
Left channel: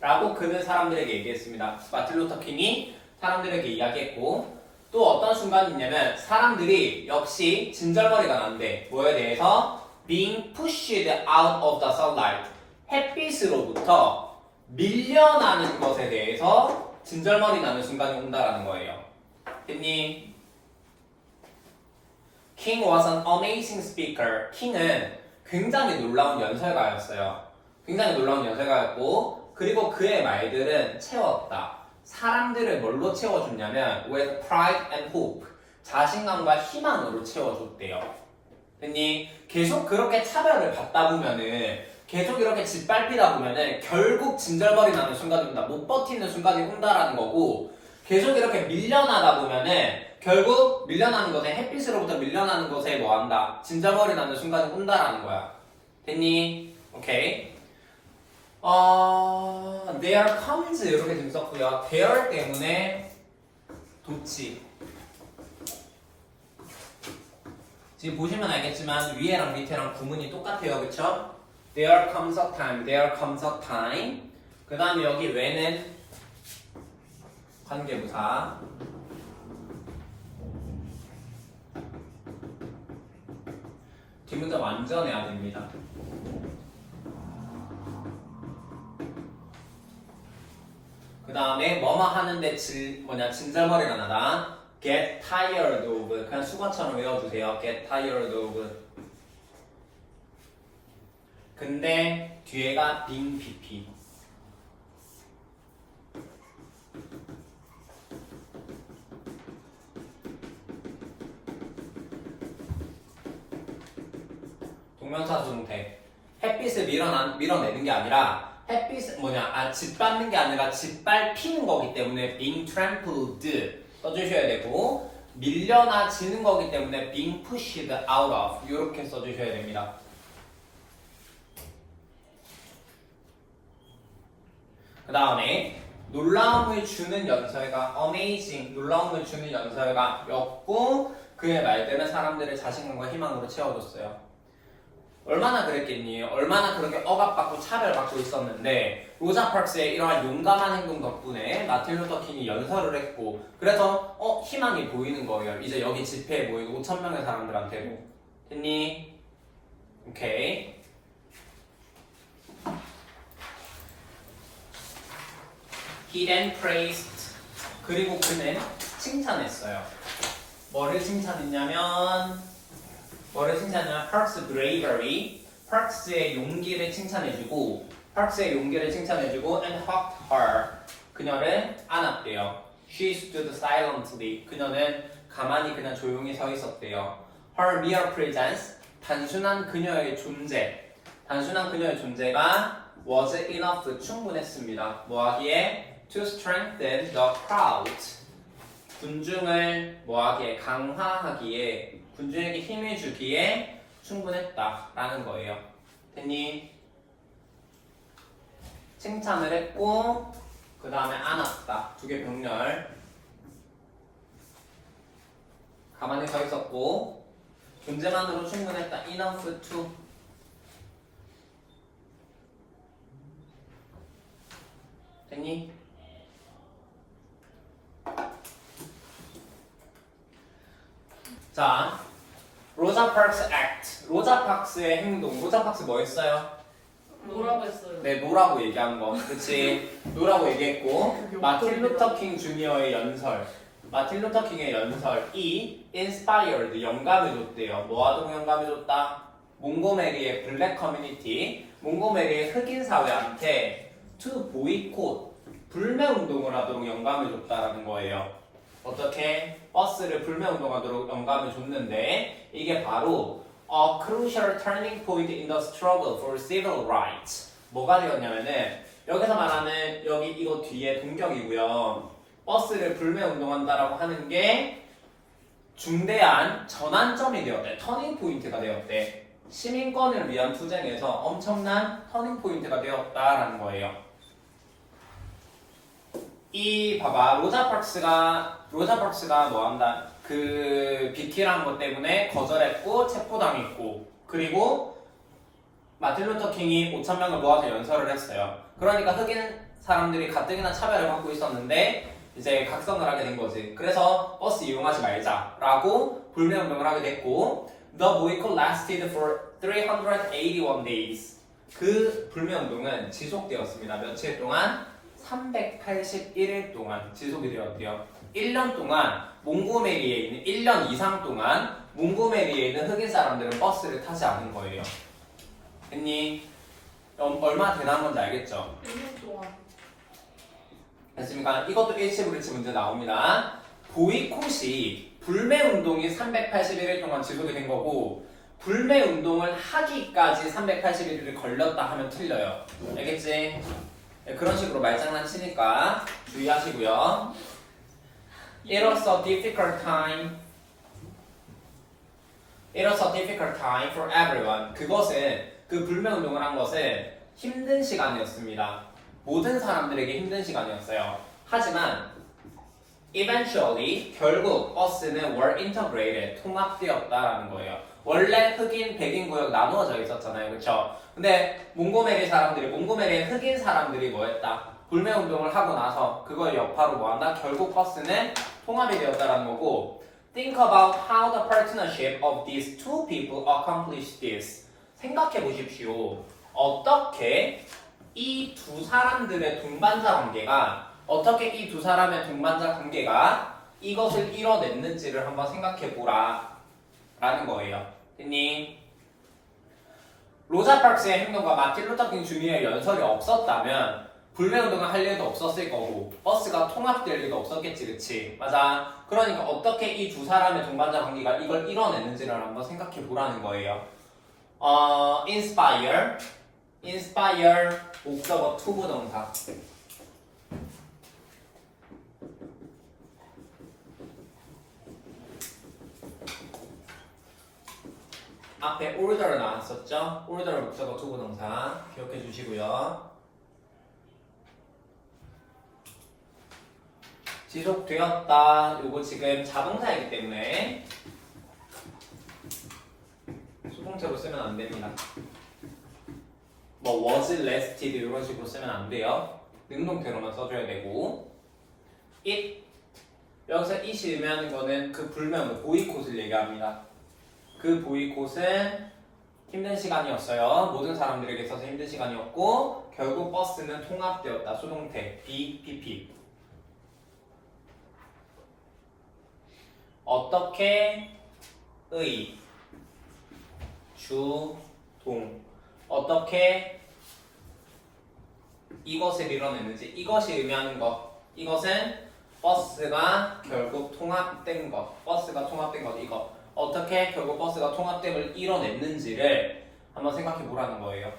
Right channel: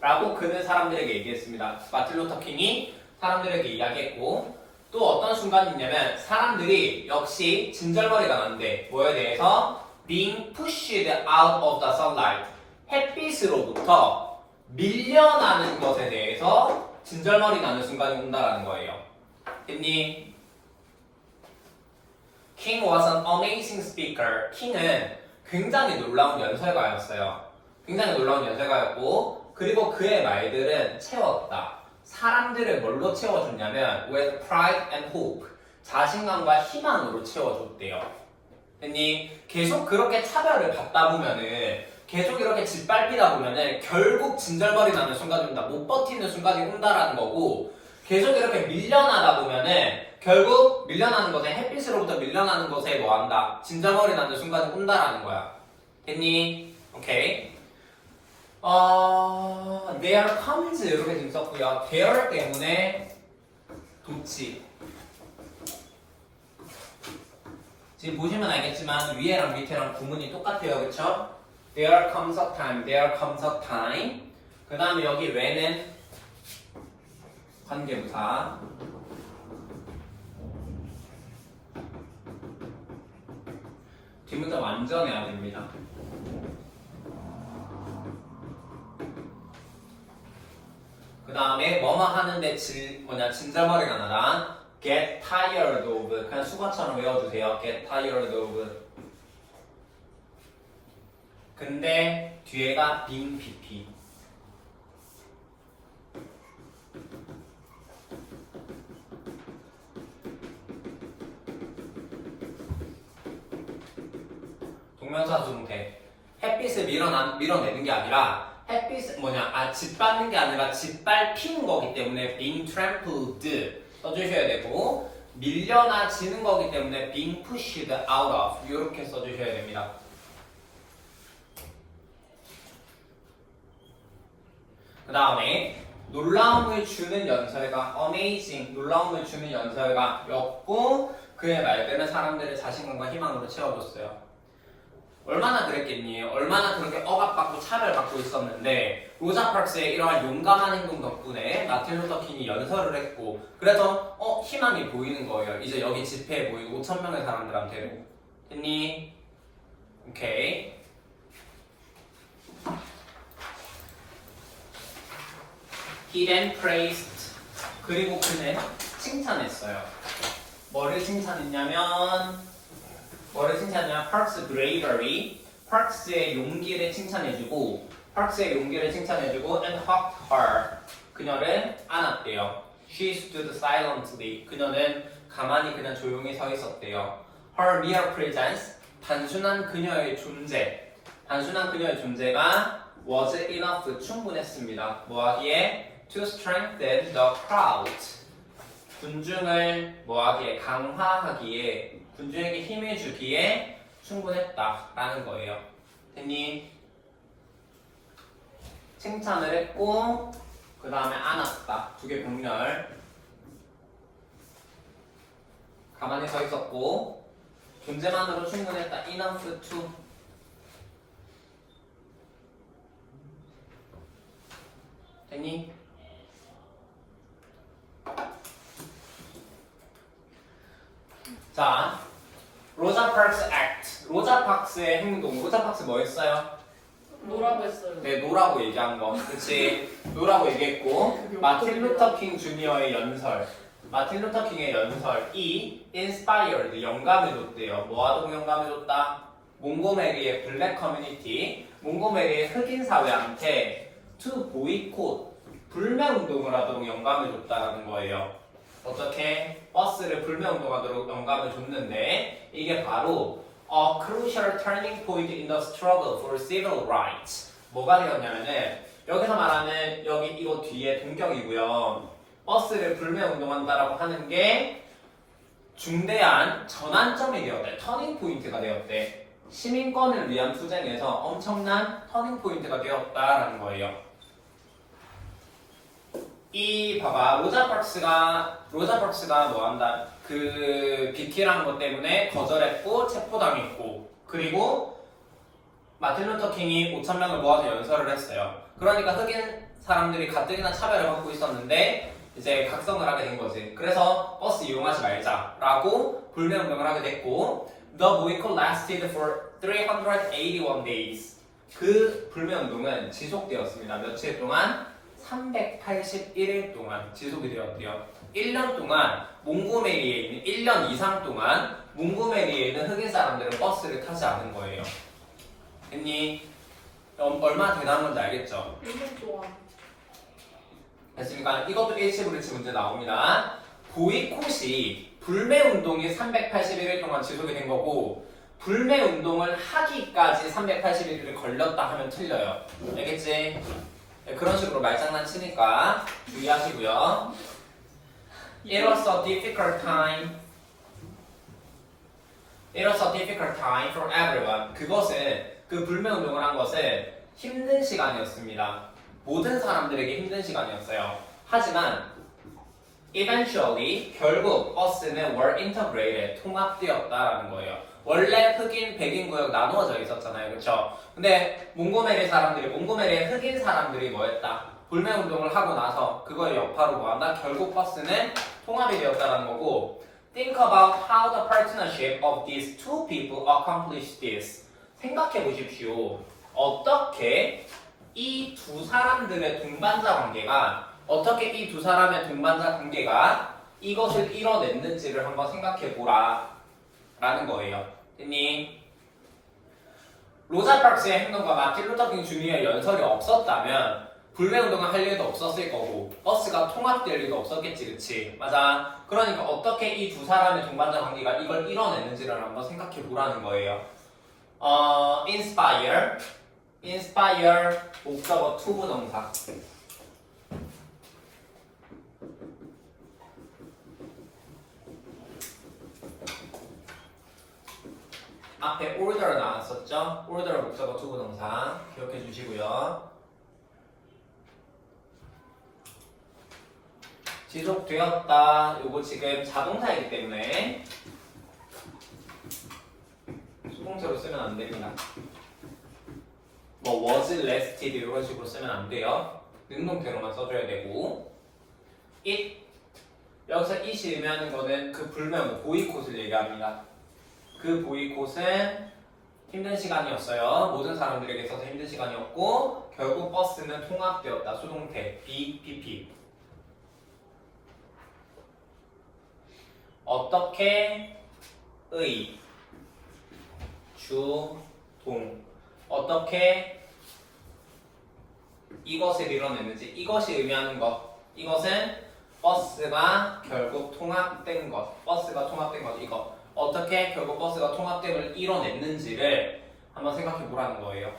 라고 그는 사람들에게 얘기했습니다. 마틴 루터 킹이 사람들에게 이야기했고, 또 어떤 순간이 있냐면 사람들이 역시 진절머리가 난대. 뭐에 대해서? being pushed out of the sunlight, 햇빛으로부터 밀려나는 것에 대해서 진절머리 나는 순간이 온다라는 거예요. 됐니? King was an amazing speaker. 킹은 굉장히 놀라운 연설가였어요. 굉장히 놀라운 연설가였고 그리고 그의 말들은 채웠다. 사람들을 뭘로 채워줬냐면 with pride and hope. 자신감과 희망으로 채워줬대요. 됐니? 계속 그렇게 차별을 받다 보면은 계속 이렇게 짓밟히다 보면은 결국 진절머리 나는 순간이 온다. 못 버티는 순간이 온다라는 거고 계속 이렇게 밀려나다 보면은 결국 밀려나는 곳에 햇빛으로부터 밀려나는 곳에 뭐 한다? 진절머리 나는 순간이 온다라는 거야. 됐니? 오케이. There comes 이렇게 좀 썼고요. there 때문에 도치. 지금 보시면 알겠지만 위에랑 밑에랑 구문이 똑같아요. 그쵸? There comes a time, there comes a time. 그 다음에 여기 when은 관계부사. 뒷문자 완전 해야 됩니다. 그 다음에 뭐뭐 하는데 진절머리가 나다. Get tired of. 그냥 수거처럼 외워주세요. Get tired of. 근데 뒤에가 being PP. 동명사 중태. 햇빛을 밀어내는 게 아니라 짓밟는 게 아니라 짓밟히는 거기 때문에 being trampled 써주셔야 되고 밀려나지는 거기 때문에 being pushed out of 이렇게 써주셔야 됩니다. 그 다음에 놀라움을 주는 연설가 amazing 놀라움을 주는 연설가였고 그의 말들은 사람들의 자신감과 희망으로 채워줬어요. 얼마나 그랬겠니? 얼마나 그렇게 억압받고 차별받고 있었는데 로자 파크스의 이러한 용감한 행동 덕분에 마틴 루터 킹이 연설을 했고 그래서 희망이 보이는 거예요. 이제 여기 집회에 모이고 5,000명의 사람들한테도. 됐니? 오케이. He then praised. 그리고 그는 칭찬했어요. 뭐를 칭찬했냐면 Park's bravery, Parks의 용기를 칭찬해주고 and hugged her. 그녀를 안았대요. She stood silently. 그녀는 가만히 그냥 조용히 서 있었대요. Her mere presence, 단순한 그녀의 존재가 was enough, 충분했습니다. 뭐하기에? To strengthen the crowd. 군중을 뭐하기에? 강화하기에 군주에게 힘을 주기에 충분했다라는 거예요. 됐니? 칭찬을 했고 그 다음에 안았다. 두 개 병렬. 가만히 서 있었고 존재만으로 충분했다. Enough to. 됐니? 자, 로자 파크스 액트. 로자 파크스의 행동. 로자 파크스 뭐 했어요? 뭐라고 했어요? 네, 노라고 얘기한 거. 그치? 노라고 얘기했고, 마틴 루터 킹 주니어의 연설. 마틴 루터 킹의 연설이 inspired, 영감을 줬대요. 뭐 하도록 영감을 줬다? 몽고메리의 블랙 커뮤니티, 몽고메리의 흑인 사회한테 to boycott, 불매운동을 하도록 영감을 줬다라는 거예요. 어떻게? 버스를 불매운동하도록 영감을 줬는데 이게 바로 a crucial turning point in the struggle for civil rights. 뭐가 되었냐면은 여기서 말하는 여기 이거 뒤에 동격이고요. 버스를 불매운동한다라고 하는 게 중대한 전환점이 되었대. 터닝 포인트가 되었대. 시민권을 위한 투쟁에서 엄청난 터닝 포인트가 되었다라는 거예요. 이 봐봐 로자 파크스가 뭐한다 그 비키라는 것 때문에 거절했고 체포당했고 그리고 마틴 루터 킹이 5,000명을 모아서 연설을 했어요. 그러니까 흑인 사람들이 가뜩이나 차별을 받고 있었는데 이제 각성을 하게 된 거지. 그래서 버스 이용하지 말자라고 불매운동을 하게 됐고 The boycott lasted for 381 days. 그 불매운동은 지속되었습니다. 며칠 동안? 381일 동안 지속이 되었대요. 1년 동안 몽고메리에 있는 1년 이상 동안 몽고메리에 있는 흑인 사람들은 버스를 타지 않은 거예요. 됐니? 얼마나 대단한 건지 알겠죠? 1년 동안. 됐습니까? 이것도 일시불일치 문제 나옵니다. 보이콧이 불매운동이 381일 동안 지속이 된 거고 불매운동을 하기까지 381일이 걸렸다 하면 틀려요. 알겠지? 네, 그런 식으로 말장난치니까 주의하시고요. It was a difficult time. It was a difficult time for everyone. 그것은 그 불매운동을 한 것은 힘든 시간이었습니다. 모든 사람들에게 힘든 시간이었어요. 하지만 eventually 결국 us는 were integrated 통합되었다라는 거예요. 원래 흑인, 백인 구역 나누어져 있었잖아요, 그렇죠? 근데 몽고메리의 흑인 사람들이 뭐했다? 불매운동을 하고 나서 그걸 여파로 뭐한다? 결국 버스는 통합이 되었다라는 거고 Think about how the partnership of these two people accomplished this. 생각해 보십시오. 어떻게 이 두 사람들의 동반자 관계가 이것을 이뤄냈는지를 한번 생각해 보라 라는 거예요. 됐니? 로자 파크스의 행동과 마틴 루터 킹 주니어의 연설이 없었다면 불매운동을 할 일도 없었을 거고 버스가 통합될 일도 없었겠지, 그치? 맞아. 그러니까 어떻게 이 두 사람의 동반자 관계가 이걸 이뤄냈는지를 한번 생각해 보라는 거예요. inspire 목적어 to 부동사. 앞에 order 나왔었죠? order 목적어 to 부동사 기억해 주시고요. 지속되었다. 요거 지금 자동사이기 때문에 수동태로 쓰면 안 됩니다. 뭐 was lasted 이런 식으로 쓰면 안 돼요. 능동태로만 써줘야 되고 it 여기서 it이 의미하는 거는 그 불매운동 보이콧을 얘기합니다. 그 보이콧은 힘든 시간이었어요. 모든 사람들에게 있어서 힘든 시간이었고 결국 버스는 통합되었다. 수동태 BPP. 어떻게 의 주동 어떻게 이것을 이뤄냈는지 이것이 의미하는 것 이것은 버스가 결국 통합된 것 이거 어떻게 결국 버스가 통합됨을 이뤄냈는지를 한번 생각해 보라는 거예요.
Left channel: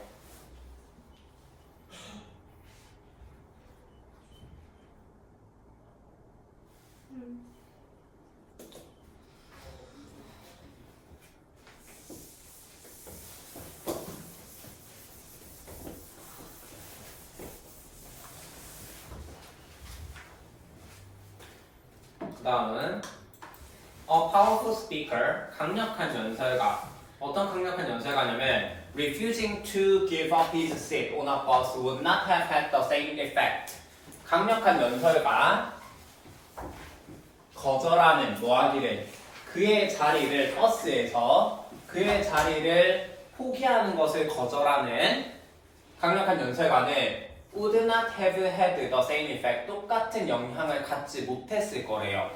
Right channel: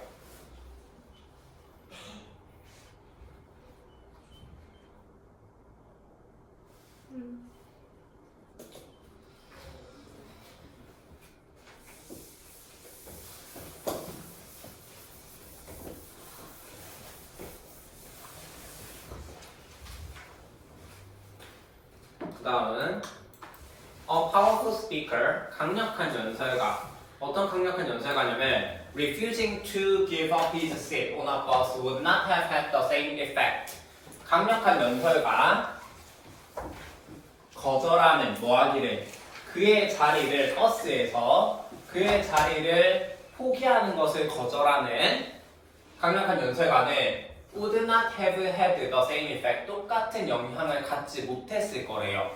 그 다음은 A powerful speaker, 강력한 연설가. 어떤 강력한 연설가냐면 refusing to give up his seat on a bus would not have had the same effect. 강력한 연설가 거절하는 뭐하기를 그의 자리를 버스에서 그의 자리를 포기하는 것을 거절하는 강력한 연설가는 would not have had the same effect. 똑같은 영향을 갖지 못했을 거래요.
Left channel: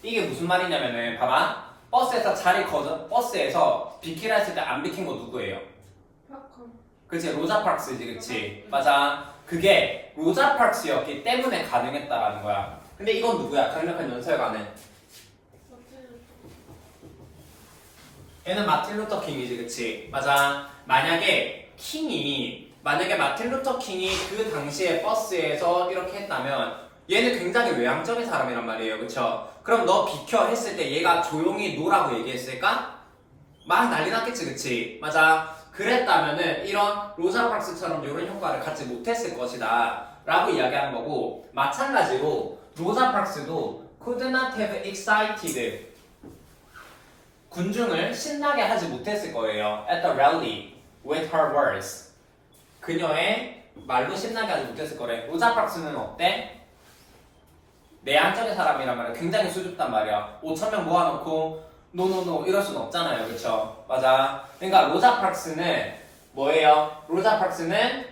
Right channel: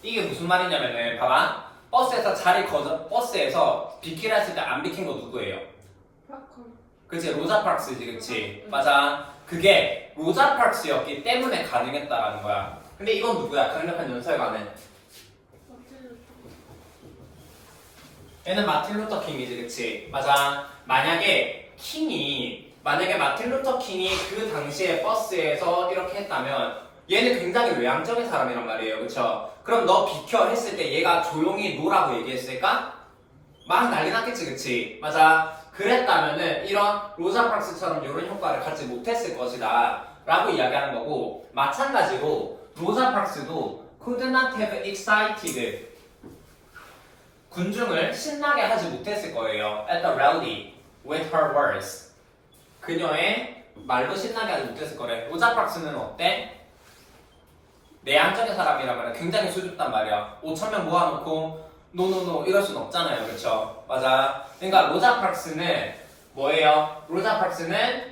이게 무슨 말이냐면은 봐봐. 버스에서 비키라 했을 때 안 비킨 거 누구예요? 그치 로자 파크스지, 그치? 맞아. 그게 로자 파크스였기 때문에 가능했다라는 거야. 근데 이건 누구야? 강력한 연설가는 얘는 마틴 루터 킹이지, 그치? 맞아. 만약에 마틴 루터 킹이 그 당시에 버스에서 이렇게 했다면 얘는 굉장히 외향적인 사람이란 말이에요, 그쵸? 그럼 너 비켜 했을 때 얘가 조용히 노라고 얘기했을까? 막 난리 났겠지, 그치? 맞아. 그랬다면은 이런 로자 파크스처럼 이런 효과를 갖지 못했을 것이다 라고 이야기하는 거고 마찬가지로 로자 파크스도 could not have excited 군중을 신나게 하지 못했을 거예요. At the rally with her words. 그녀의 말로 신나게 하지 못했을 거래. 로자 파크스는 어때? 내향적인 사람이란 말이야. 굉장히 수줍단 말이야. 5,000명 모아놓고 노노노 이럴 순 없잖아요, 그렇죠? 맞아. 그러니까 로자 파크스는 뭐예요? 로자 파크스는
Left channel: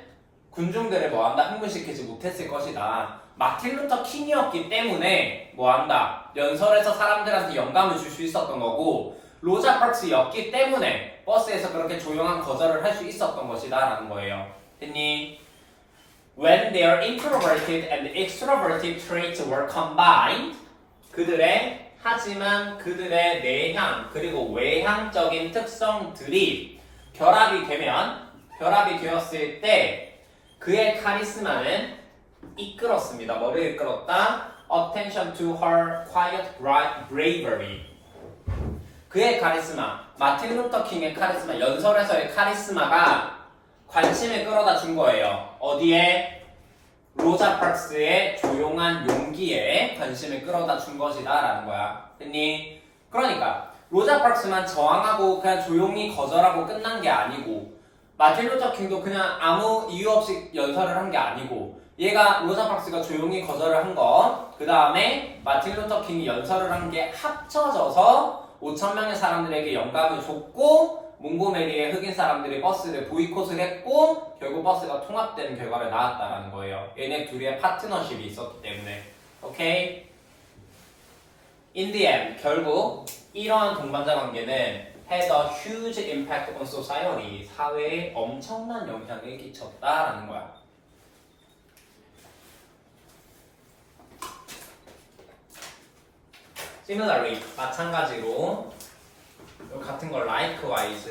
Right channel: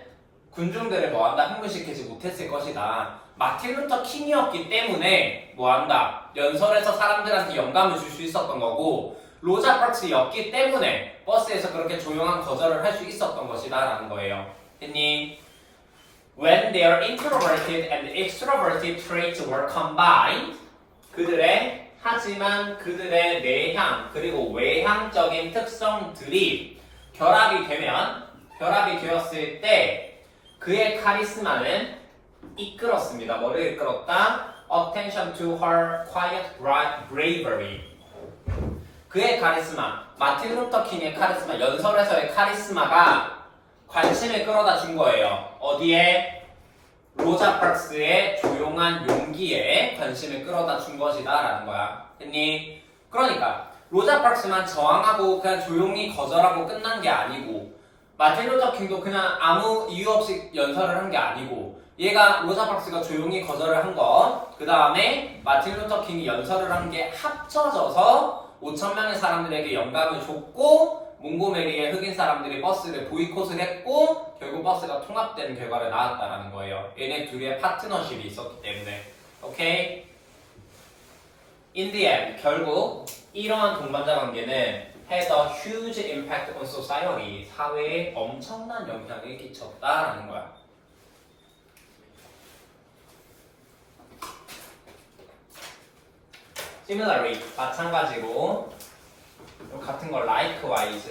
군중들을 뭐한다? 흥분시키지 못했을 것이다. 마틴 루터 킹이었기 때문에 뭐한다? 연설에서 사람들한테 영감을 줄 수 있었던 거고 로자 파크스였기 때문에 버스에서 그렇게 조용한 거절을 할 수 있었던 것이다 라는 거예요. 됐니? When their introverted and extroverted traits were combined 하지만 그들의 내향 그리고 외향적인 특성들이 결합이 되었을 때 그의 카리스마는 이끌었습니다. 뭐를 이끌었다? Attention to her quiet bravery. 그의 카리스마, 마틴 루터 킹의 카리스마, 연설에서의 카리스마가 관심을 끌어다 준 거예요. 어디에? 로자 파크스의 조용한 용기에 관심을 끌어다 준 것이다 라는 거야. 됐니? 그러니까 로자 파크스만 저항하고 그냥 조용히 거절하고 끝난 게 아니고 마틴 루터 킹도 그냥 아무 이유 없이 연설을 한 게 아니고 얘가 로자 파크스가 조용히 거절을 한 거, 그 다음에 마틴 루터 킹이 연설을 한 게 합쳐져서 5,000명의 사람들에게 영감을 줬고 몽고메리의 흑인 사람들이 버스를 보이콧을 했고 결국 버스가 통합되는 결과를 낳았다라는 거예요. 얘네 둘의 파트너십이 있었기 때문에. 오케이? In the end, 결국 이러한 동반자 관계는 had a huge impact on society. 사회에 엄청난 영향을 끼쳤다라는 거야. Similarly, 마찬가지로 같은 걸 likewise,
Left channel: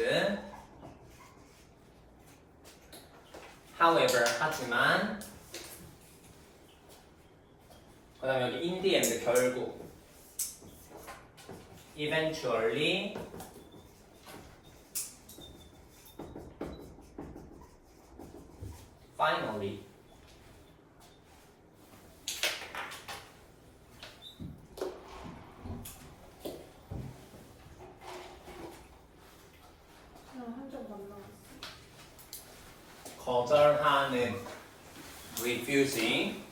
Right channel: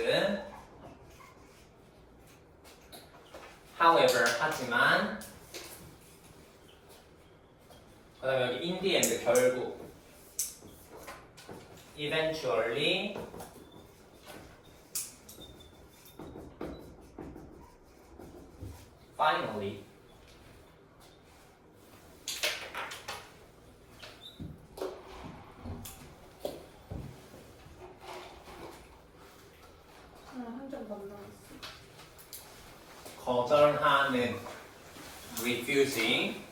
however, 하지만 그 다음에 여기 in the end, 결국 eventually finally 거절하는 refusing.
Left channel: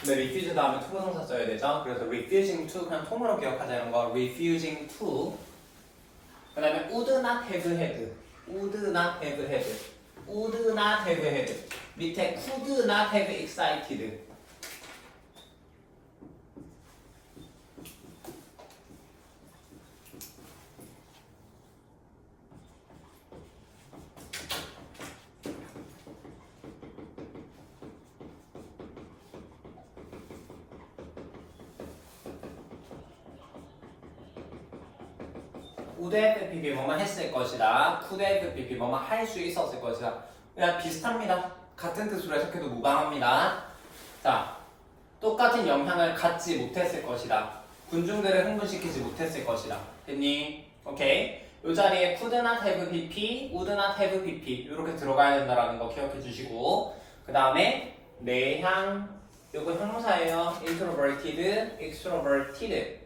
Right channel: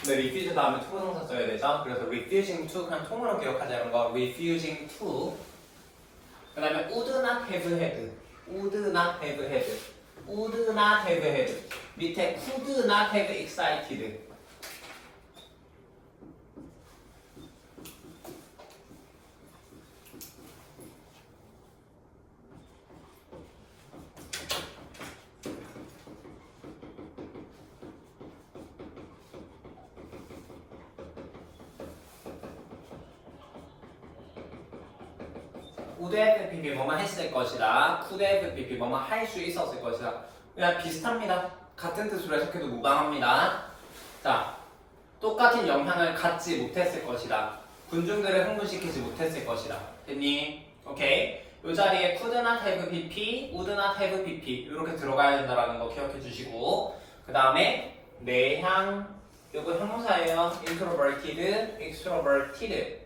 근데 refuse 다음에 to 동사 써야 되죠. 그래서 refusing to 그냥 통으로 기억하자는 거. refusing to. 그 다음에 would not have had. would not have had. would not have had. 밑에 could not have excited. would have pp 뭐만 했을 것이다. could have pp 뭐만 할 수 있었을 것이다. 그냥 비슷합니다. 같은 뜻으로 해석해도 무방합니다. 자, 똑같은 영향을 갖지 못했을 것이다. 군중들을 흥분시키지 못했을 것이다. 됐니? 오케이. 이 자리에 could not have pp, would not have pp 이렇게 들어가야 된다는 거 기억해 주시고 그 다음에 내향 이거 형용사예요. introverted, extroverted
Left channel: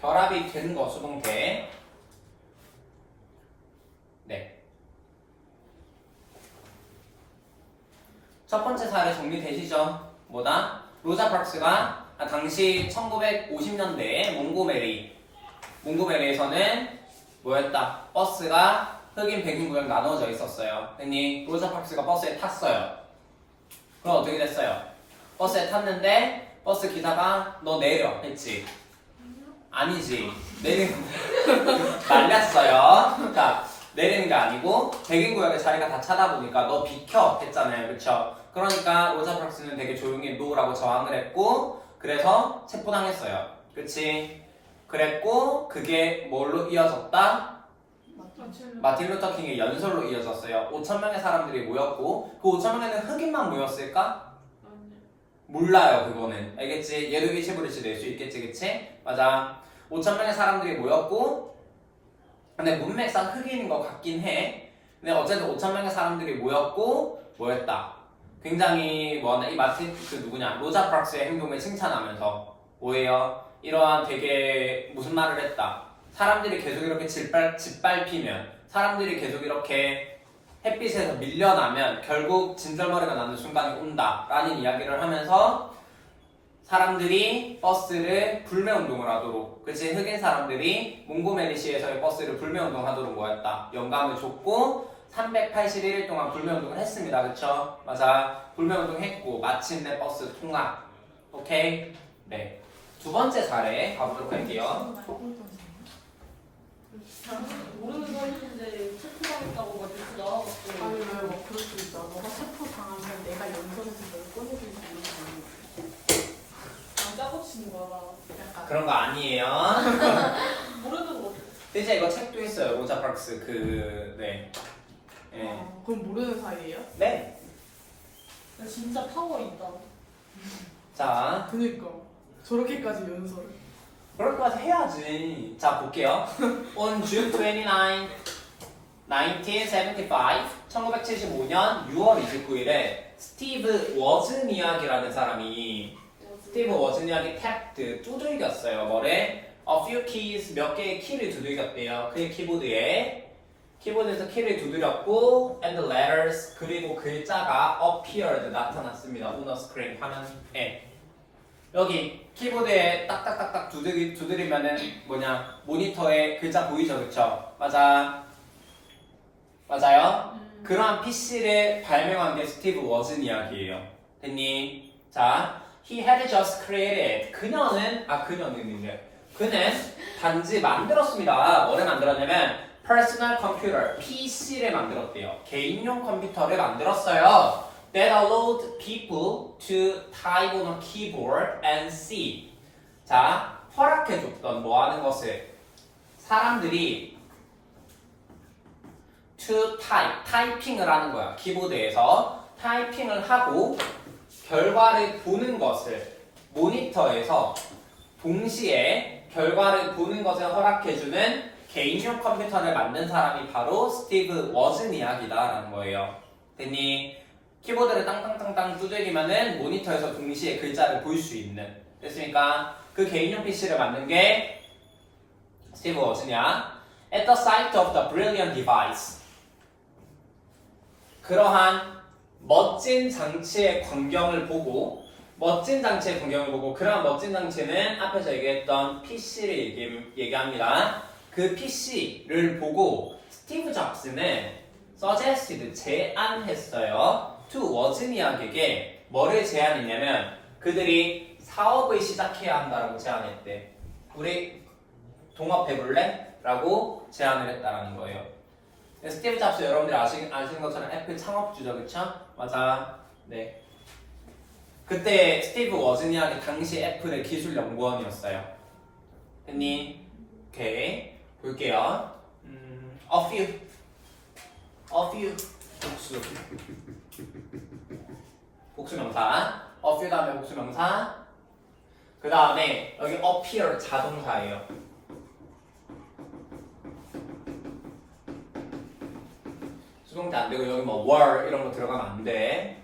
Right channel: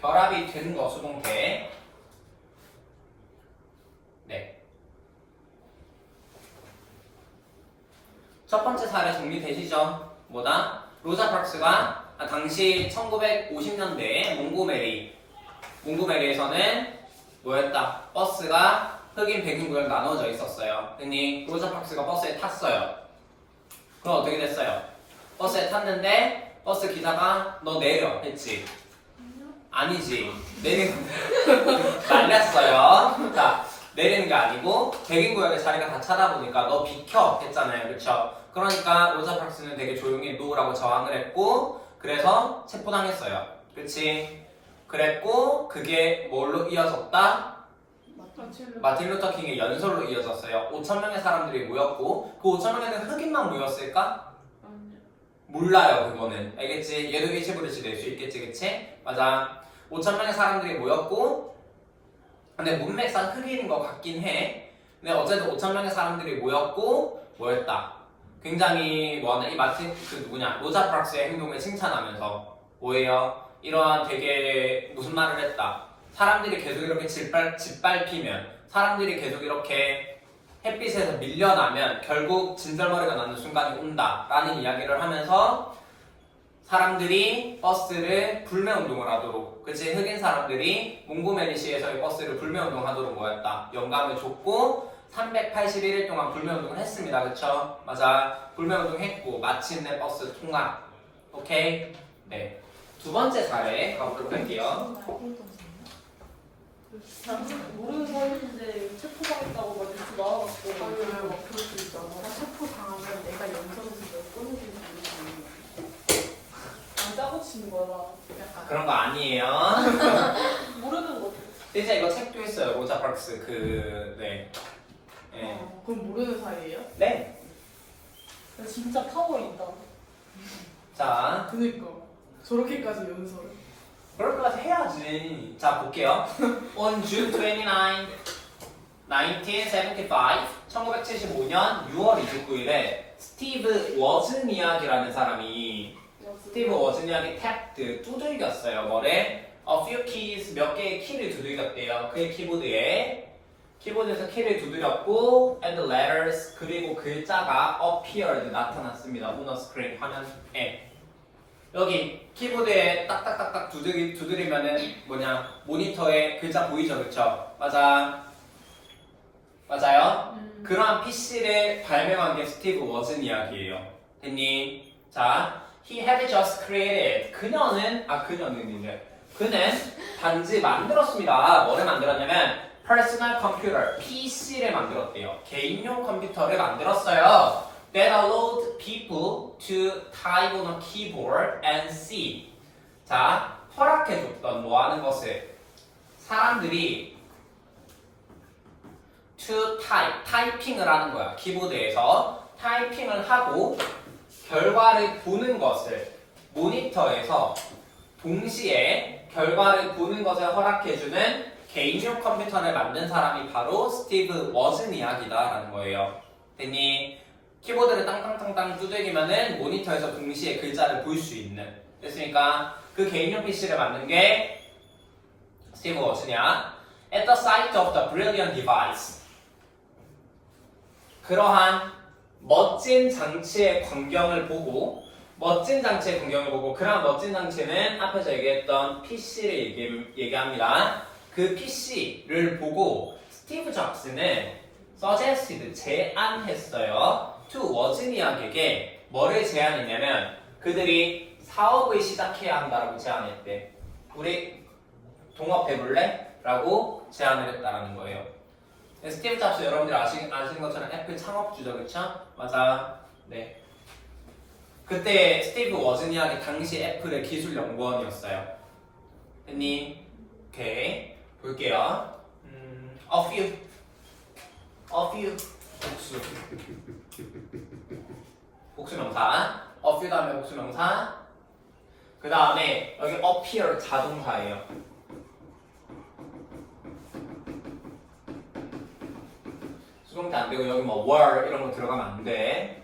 결합이 된 거 수동태. 네. 첫 번째 사례 정리되시죠? 뭐다? 로자 파크스가 당시 1950년대에 몽고메리에서는 뭐였다? 버스가 흑인 백인 구역 나눠져 있었어요. 근데 로자 파크스가 버스에 탔어요. 그럼 어떻게 됐어요? 버스에 탔는데 버스 기사가 너 내려 했지? 아니지. 말렸어요. 자, 내리는 게 아니고 백인 구역에 자기가 다 차다 보니까 너 비켜 했잖아요. 그쵸? 그러니까 로자 파크스는 되게 조용히 노라고 저항을 했고 그래서 체포당했어요. 그치? 그랬고 그게 뭘로 이어졌다? 마틴 루터 킹의 연설로 이어졌어요. 5,000명의 사람들이 모였고 그 5,000명에는 흑인만 모였을까? 몰라요. 그거는. 알겠지? 얘도 일시불일시 낼 수 있겠지? 그치? 맞아. 5,000명의 사람들이 모였고 근데 문맥상 흑인인 것 같긴 해. 근데 어쨌든 5,000명의 사람들이 모였고 뭐였다? 굉장히 뭐하나 이 마틴 로자 파크스의 행동을 칭찬하면서 뭐예요? 이러한 되게 무슨 말을 했다. 사람들이 계속 이렇게 짓밟히면 사람들이 계속 이렇게 햇빛에서 밀려나면 결국 진절머리가 나는 순간이 온다 라는 이야기를 하면서 사람들이 버스를 불매운동을 하도록 그치 흑인 사람들이 몽고메리시에서의 버스를 불매운동하도록 뭐였다 영감을 줬고 381일 동안 불매운동을 했습니다. 그쵸? 맞아. 불매운동 했고 마침내 버스 통합. 오케이? 네. 두 번째 사례 가보도록 할게요. 모르는 사람인데 체포당했다고 막 뉴스 나와갖고. 아니 왜막 그럴 수 있잖아. 너가 체포 당하면 내가 영상을 꺼내줄 수 있는 안 짜고 치는 거야. 약간 그런 거 아니에요. 모르는 거. 진짜 이거 책도 했어요. 로자 파크스 네. 네. 그럼 모르는 사이예요? 네. 근데 진짜 파워 있다. 자, 그니까 저렇게까지 연설을. 그럴까지 해야지. 자, 볼게요. On June 29, 1975, 1975년 6월 29일에 스티브 워즈니악이라는 사람이 스티브 워즈니악이 탭드 두들겼어요. 뭐래? A few keys 몇 개의 키를 두들겼대요. 그의 키보드에서 키를 두드렸고 and the letters 그리고 글자가 appeared 나타났습니다. on the screen 화면에. 여기 키보드에 딱딱딱딱 두드리면은 뭐냐 모니터에 글자 보이죠, 그쵸? 맞아요. 그러한 PC를 발명한 게 스티브 워즈니악이에요. 됐니? 자, he had just created. 그는 단지 만들었습니다. 뭐를 만들었냐면 personal computer, PC를 만들었대요. 개인용 컴퓨터를 만들었어요. That allowed people to type on a keyboard and see. 자, 허락해줬던 뭐 하는 것을 사람들이 to type, 타이핑을 하는 거야. 키보드에서 타이핑을 하고 결과를 보는 것을 모니터에서 동시에 결과를 보는 것을 허락해주는 개인용 컴퓨터를 만든 사람이 바로 스티브 워즈니악이다라는 거예요. 됐니? 키보드를 땅땅땅땅 두들기면은 모니터에서 동시에 글자를 볼 수 있는. 됐습니까? 그 개인용 PC를 만든 게 스티브 워즈니악. At the sight of the brilliant device. 그러한 멋진 장치의 광경을 보고 그러한 멋진 장치는 앞에서 얘기했던 PC를 얘기합니다. 그 PC를 보고 스티브 잡스는 suggested 제안했어요. to 워즈니악에게 뭐를 제안했냐면 그들이 사업을 시작해야 한다라고 제안했대. 우리 동업해볼래? 라고 제안을 했다는 거예요. 스티브 잡스 여러분들 아시는 것처럼 애플 창업주죠, 그쵸? 맞아. 네. 그때 스티브 워즈니악이 당시 애플의 기술연구원이었어요. 됐니? 오케이. 볼게요. A few. 복수명사. A few 다음에 복수명사. 그 다음에 여기 appear 자동사예요. 수동태 안 되고 여기 뭐 were 이런 거 들어가면 안 돼.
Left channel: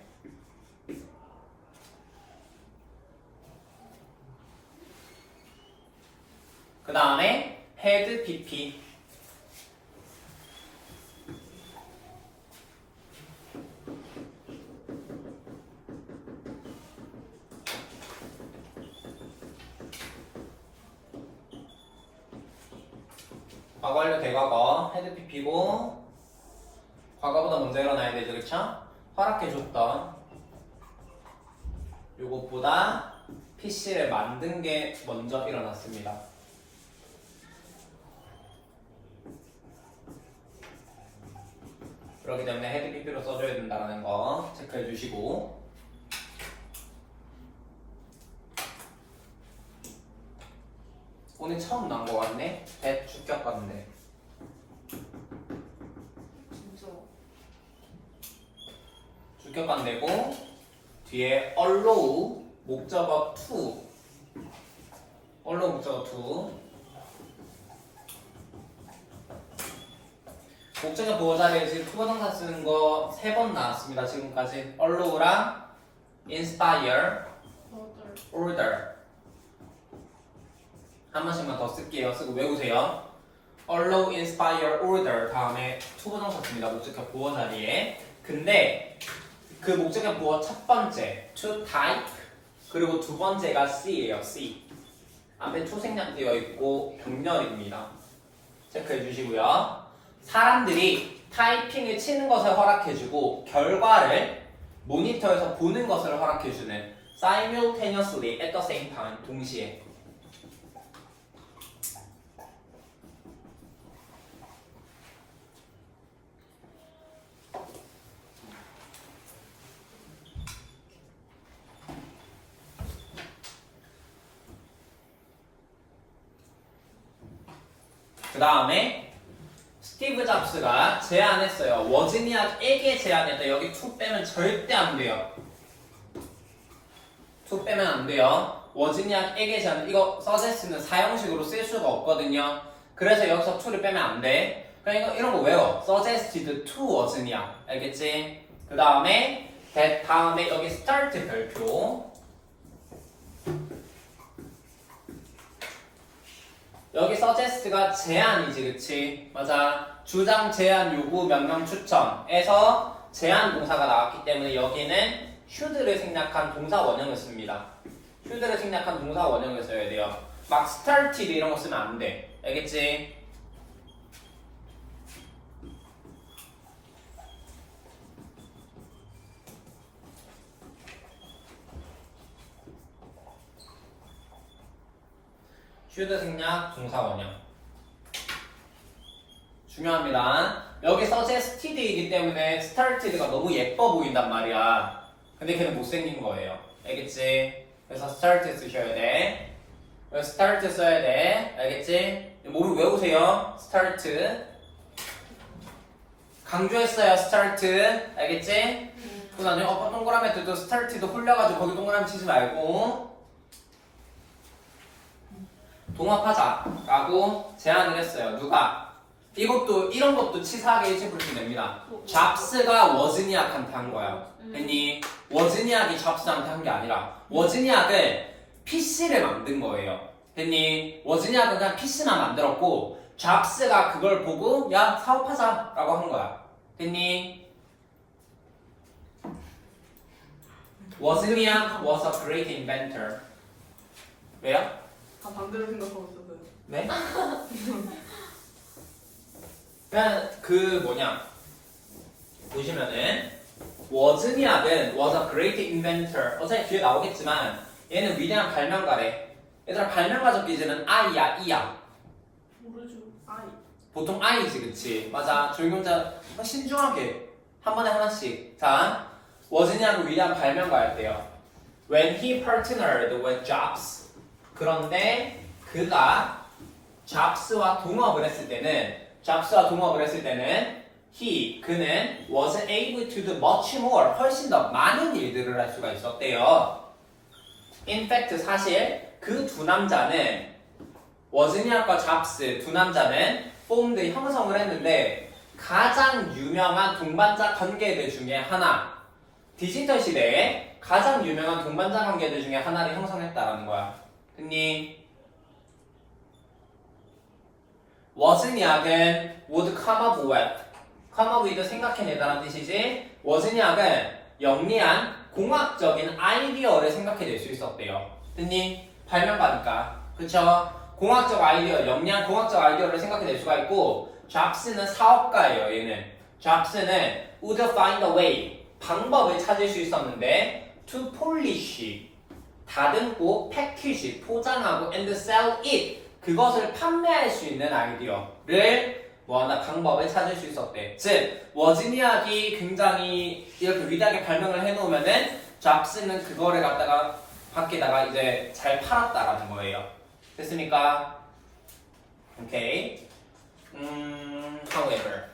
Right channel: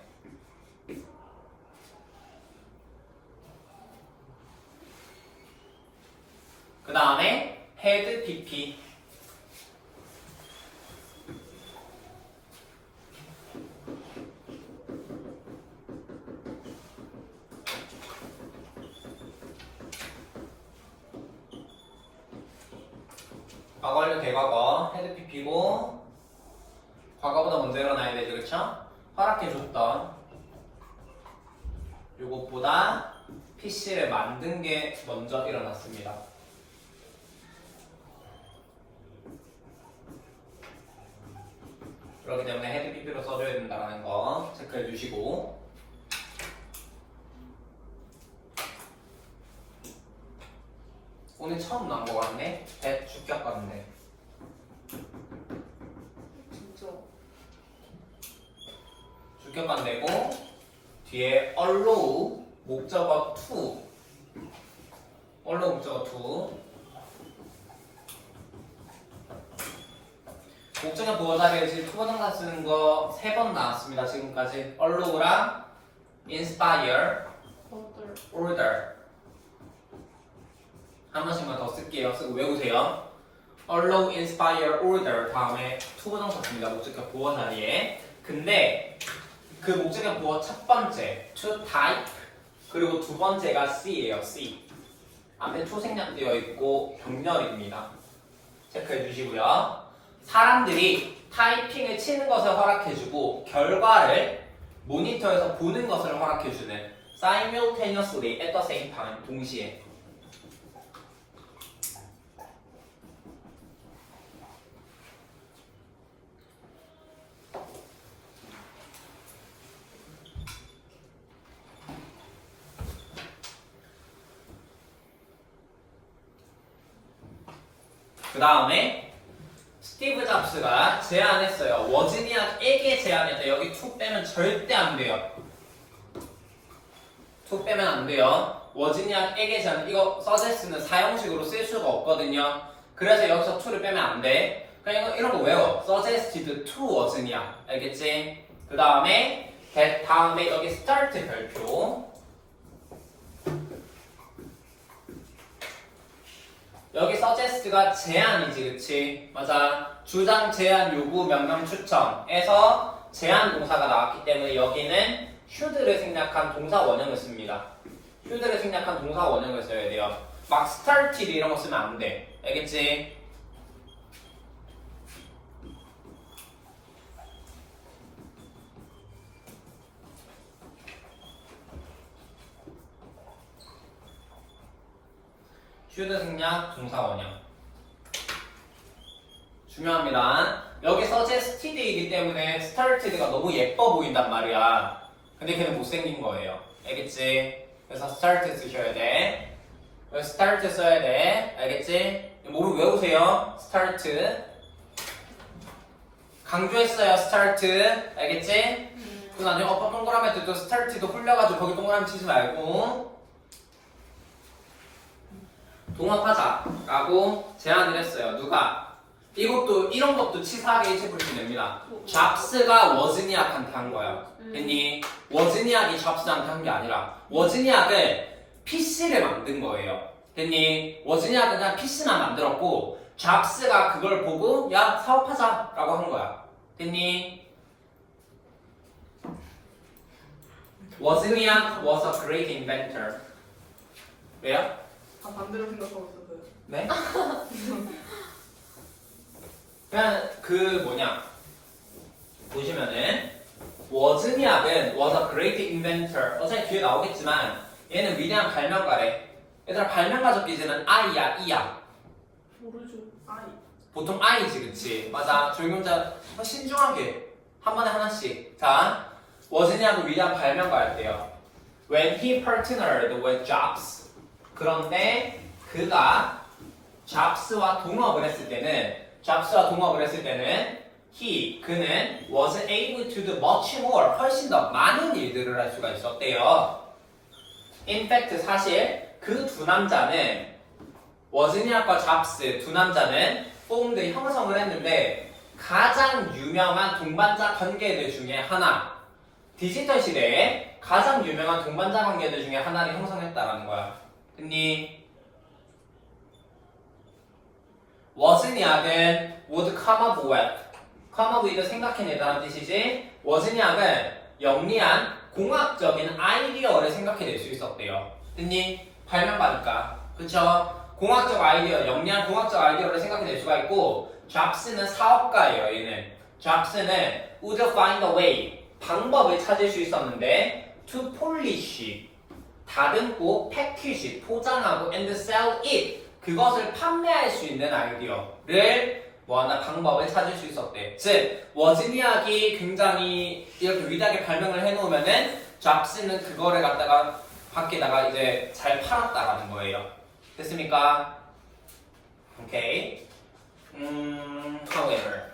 그 다음에 had pp. 과거 완료 대과거 had pp고 과거보다 먼저 일어나야 되죠, 그렇죠? 허락해줬던 요것보다 PC를 만든 게 먼저 일어났습니다. 그렇기 때문에 헤드 PP로 써줘야 된다는 거 체크해 주시고 오늘 처음 나온 거 같네? 배 주격건데 진짜. 주격건 되고 뒤에 allow 목적어 to allow 목적어 to 목적어 보호 자리에 지금 투부정사 쓰는 거 3번 나왔습니다. 지금까지 allow랑 inspire, order 한 번씩만 더 쓸게요. 쓰고 외우세요. allow, inspire, order 다음에 투부정사 씁니다. 목적어 보호 자리에. 근데 그 목적어 보호 첫 번째 to type 그리고 두 번째가 C예요. C 앞에 to 생략되어 있고 병렬입니다. 체크해 주시고요. 사람들이 타이핑을 치는 것을 허락해주고 결과를 모니터에서 보는 것을 허락해주는 simultaneously at the same time 동시에 그 다음에 스티브 잡스가 제안했어요. 워즈니악에게 제안했다. 여기 to 빼면 절대 안 돼요. to 빼면 안 돼요. 워즈니악에게 제안. 이거 suggest는 사형식으로 쓸 수가 없거든요. 그래서 여기서 to를 빼면 안 돼. 그러니까 이런 거 외워. suggested to 워즈니악. 알겠지? 그 다음에 that 다음에 여기 start 별표. 여기 suggest가 제안이지, 그치? 맞아. 주장, 제안, 요구, 명령, 추천에서 제안 동사가 나왔기 때문에 여기는 should를 생략한 동사 원형을 씁니다. should를 생략한 동사 원형을 써야 돼요. 막 started 이런 거 쓰면 안 돼. 알겠지? should 생략 동사 원형 중요합니다. 여기 suggested이기 때문에 started가 너무 예뻐 보인단 말이야. 근데 걔는 못생긴 거예요. 알겠지? 그래서 start 쓰셔야 돼. start 써야 돼. 알겠지? 뭐를 외우세요? start 강조했어요. start 알겠지? 그 나중에 동그라미 할 때도 start도 홀려가지고 거기 동그라미 치지 말고 동합하자라고 제안을 했어요. 누가? 이것도 이런 것도 치사하게 일체불식 냅니다. 잡스가 워즈니악한테 한 거야. 됐니? 워즈니악이 잡스한테 한 게 아니라 워즈니악을 PC를 만든 거예요. 됐니? 워즈니악은 그냥 PC만 만들었고 잡스가 그걸 보고 야 사업하자라고 한 거야. 됐니? 워즈니악 was a great inventor. 왜요? 아 반대로 생각하고 있었어요. 네? 그냥 그 뭐냐 보시면은 워즈니악은 was a great inventor. 어차피 뒤에 나오겠지만 얘는 위대한 발명가래. 얘들아 발명가 적기지는 I야 E야? 모르죠. 아이. 보통 I지 그치? 맞아. 조용문자 신중하게 한 번에 하나씩. 자 워즈니악은 위대한 발명가였대요. When he partnered with Jobs. 그런데 그가 잡스와 동업을 했을 때는 그는 was able to do much more 훨씬 더 많은 일들을 할 수가 있었대요. In fact 사실 그 두 남자는 워즈니악과 잡스 두 남자는 formed 형성을 했는데 가장 유명한 동반자 관계들 중에 하나 디지털 시대에 가장 유명한 동반자 관계들 중에 하나를 형성했다라는 거야. 됐니? 워즈니악은 would come up with 생각해내다는 뜻이지 워즈니악은 영리한 공학적인 아이디어를 생각해낼 수 있었대요. 됐니? 발명가니까 그쵸? 공학적 아이디어, 영리한 공학적 아이디어를 생각해낼 수가 있고 잡스는 사업가예요. 얘는 잡스는 would find a way 방법을 찾을 수 있었는데 to polish 다듬고 패키지 포장하고 and sell it 그것을 판매할 수 있는 아이디어를 뭐하나 방법을 찾을 수 있었대. 즉 워즈니악이 굉장히 이렇게 위대하게 발명을 해놓으면은 잡스는 그거를 갖다가 밖에다가 이제 잘 팔았다라는 거예요. 됐습니까? 오케이. However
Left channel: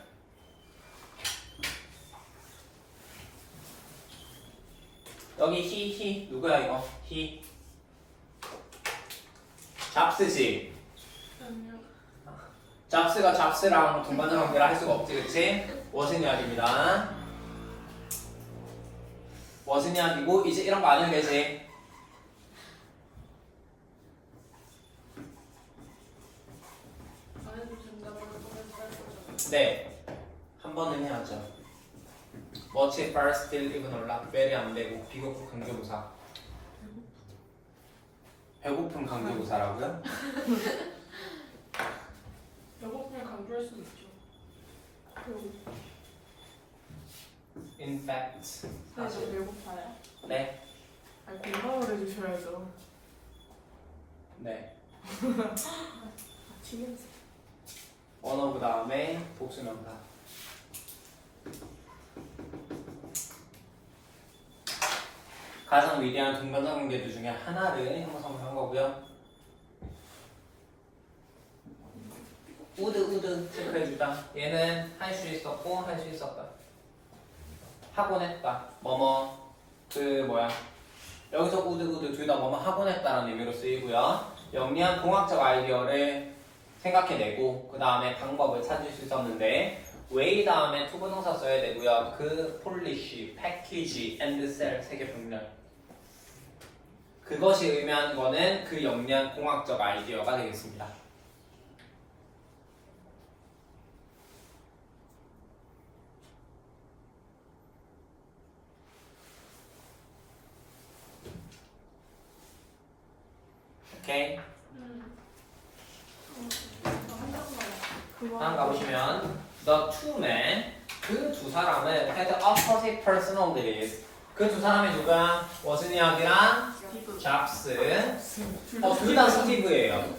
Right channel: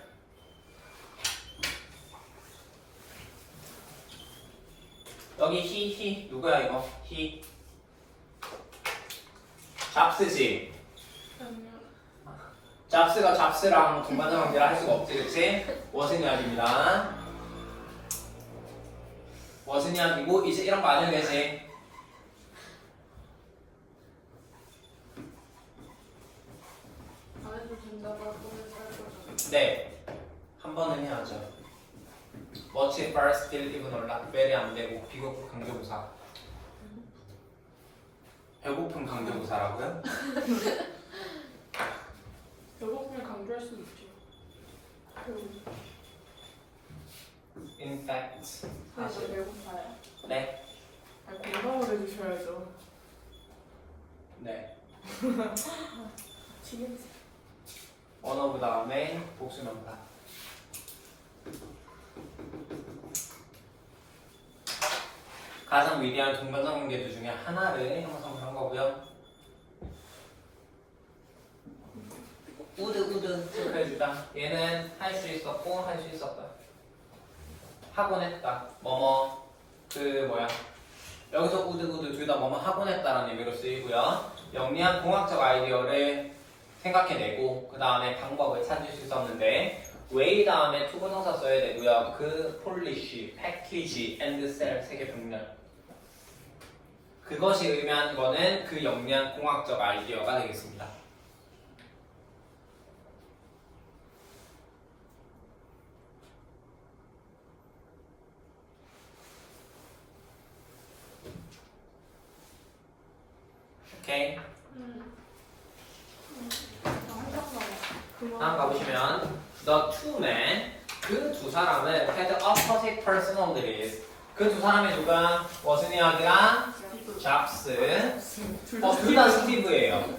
여기 he 누구야 이거? he 잡스지. 잡스가 잡스랑 동반자 관계를 할 수가 없지, 그치? 워즈니악입니다. 워즈니악이고 이제 이런 거 안 해도 되지. 안 해도 된다고 할 거면 살려줘. 네, 한 번은 해야죠. much first still even or not very 안 되고 비교급 강조부사. 배고픈 강조부사라고요? 배고프면 강조할 수 있죠. In fact. 네, 저 배고파요. 네. 아니, 공감을 해주셔야죠. 네. 지금 원어 그 다음에 복수명사. 가장 위대한 동반장 관계들 중에 하나를 형성한 거고요. 우드 체크해주자. 얘는 할 수 있었고 할 수 있었다. 하곤 했다. 뭐뭐 그 뭐야. 여기서 우드 둘 다 뭐뭐 하곤 했다라는 의미로 쓰이고요. 영리한 공학적 아이디어를 생각해내고 그 다음에 방법을 찾을 수 있었는데 way 다음에 투부정사 써야 되고요. 그 polish, package, and sell 세 개 병렬. 그것이 의미하는 거는 그 영리한 공학적 아이디어가 되겠습니다. 오케이. 다음 가보시면 the two men 그 두 사람은 had opposite personalities. 그 두 사람이 누구야? 워즈니악이랑 잡스. 둘 다 스티브예요.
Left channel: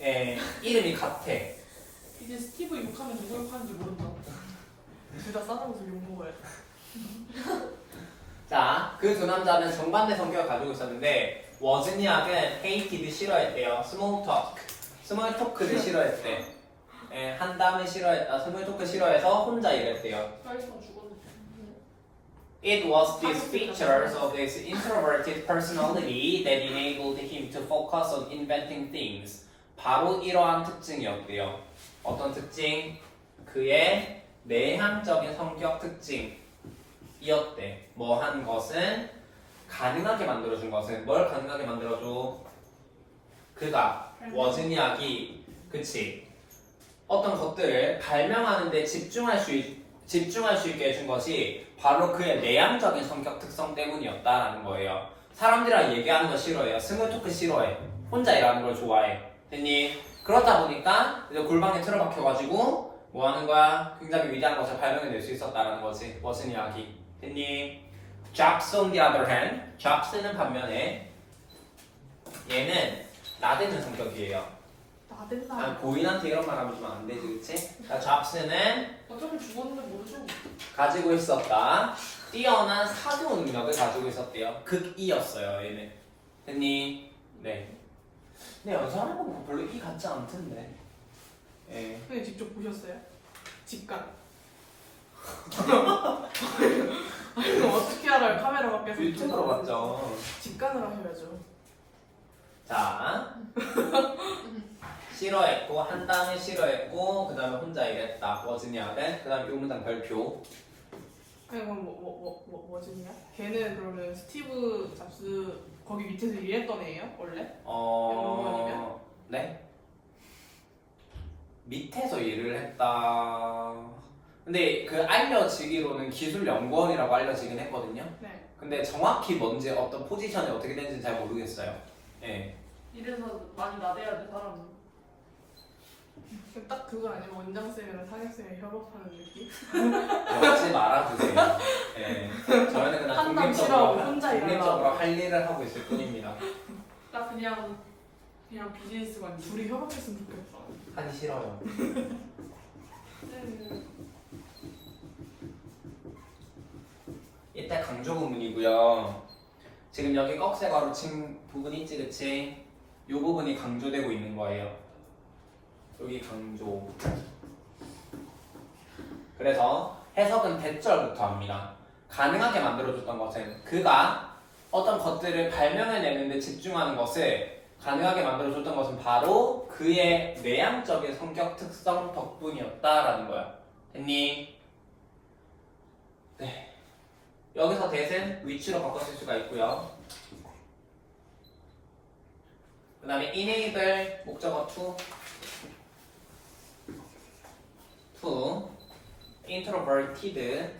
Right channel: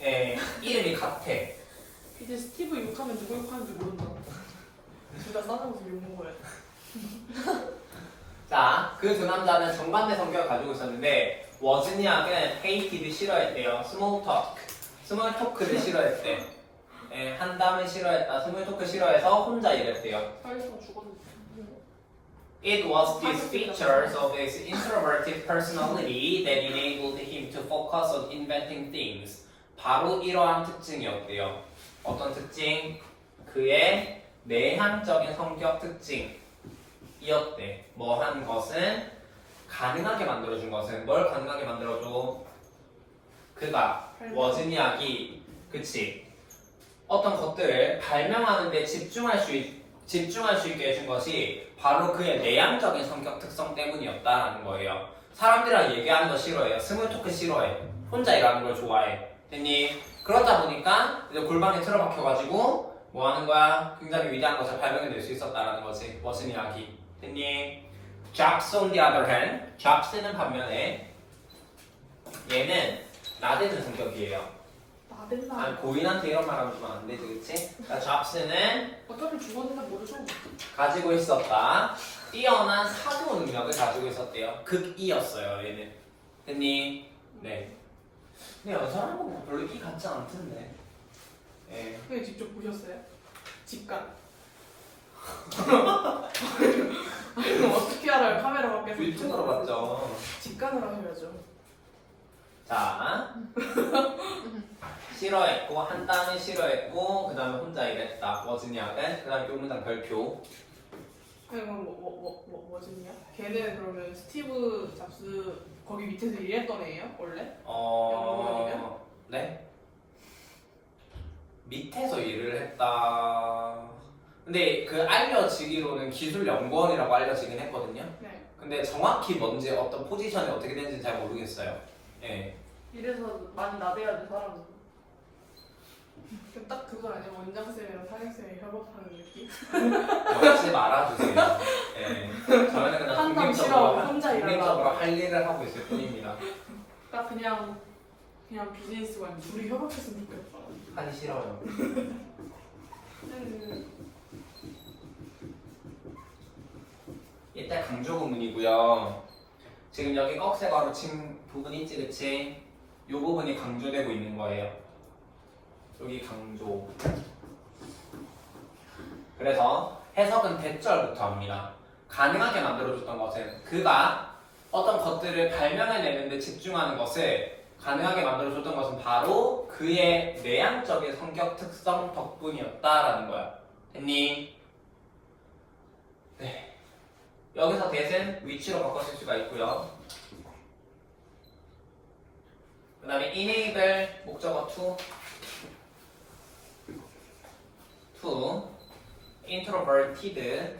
예, 이름이 같아. 이제 스티브 욕하면 누구 욕하는지 모른다. 둘 다 싸다면서 욕 먹어야 돼. 자, 그 두 남자는 정반대 성격을 가지고 있었는데 워즈니악은 hated 싫어했대요. 스몰 토크를 싫어했대. 예, 한담을 싫어했다. 스몰 토크 싫어해서 혼자 일했대요. 사회성 죽었는데. It was these features of his introverted personality that enabled him to focus on inventing things. 바로 이러한 특징이었대요. 어떤 특징? 그의 내향적인 성격 특징이었대. 뭐 한 것은 가능하게 만들어준 것은 뭘 가능하게 만들어줘? 그가 워즈니악이 그치 어떤 것들을 발명하는데 집중할 수 있게 해준 것이 바로 그의 내향적인 성격 특성 때문이었다라는 거예요. 사람들이랑 얘기하는 거 싫어해요. 스몰 토크 싫어해. 혼자 일하는 걸 좋아해. 됐니? 그렇다 보니까 이제 골방에 틀어박혀가지고 뭐 하는 거야? 굉장히 위대한 것을 발명해낼 수 있었다라는 거지. 워즈니악이. 됐니? Jobs on the other hand, Jobs는 반면에 얘는 나대는 성격이에요. 나댄다. 아니 고인한테 이런 말 하면 안 되지, 그치? 그러니까 Jobs는 어차피 죽었는데 모르죠. 가지고 있었다. 뛰어난 사고 능력을 가지고 있었대요. 극이였어요, 얘는. 됐니? 네. 근데 여자는 별로 이 같지 않던데. 예. 선생님 직접 보셨어요? 직관. 아니 그럼 어떻게 알아요? 카메라 밖에서 유튜브로 봤죠. 직관을 하셔야죠. 자, 싫어했고 한 다음에 싫어했고 그 다음에 혼자 일했다. 워즈니악은 그 다음에 이 문장 별표. 아니 그럼 뭐지냐? 걔는 그러면 스티브 잡스 거기 밑에서 일했던 애예요? 원래? 연구원이면? 네. 밑에서 일을 했다. 근데 그 알려지기로는 기술 연구원이라고 알려지긴 했거든요. 네. 근데 정확히 뭔지 어떤 포지션이 어떻게 되는지 잘 모르겠어요. 예. 이래서 많이 나대야 돼 사람은. 그럼 딱 그거 아니에요? 원장쌤이랑 상혁쌤이 협업하는 느낌? 하지 말아주세요. 예. 저희는 그냥 한담 싫어하고 혼자 독립적으로 일하라고. 할 일을 하고 있을 뿐입니다. 딱 그냥 비즈니스관. 둘이 협업했으면 좋겠다. 하기 싫어요. 이때 강조 부분이고요. 지금 여기 꺽쇠가로 친 부분 있지, 그치? 이 부분이 강조되고 있는 거예요. 여기 강조. 그래서 해석은 대절부터 합니다. 가능하게 만들어줬던 것은 그가 어떤 것들을 발명해내는데 집중하는 것을 가능하게 만들어줬던 것은 바로 그의 내향적인 성격 특성 덕분이었다라는 거야. 됐니? 네. 여기서 대신 위치로 바꿔 쓸 수가 있고요. 그 다음에 enable 목적어 to introverted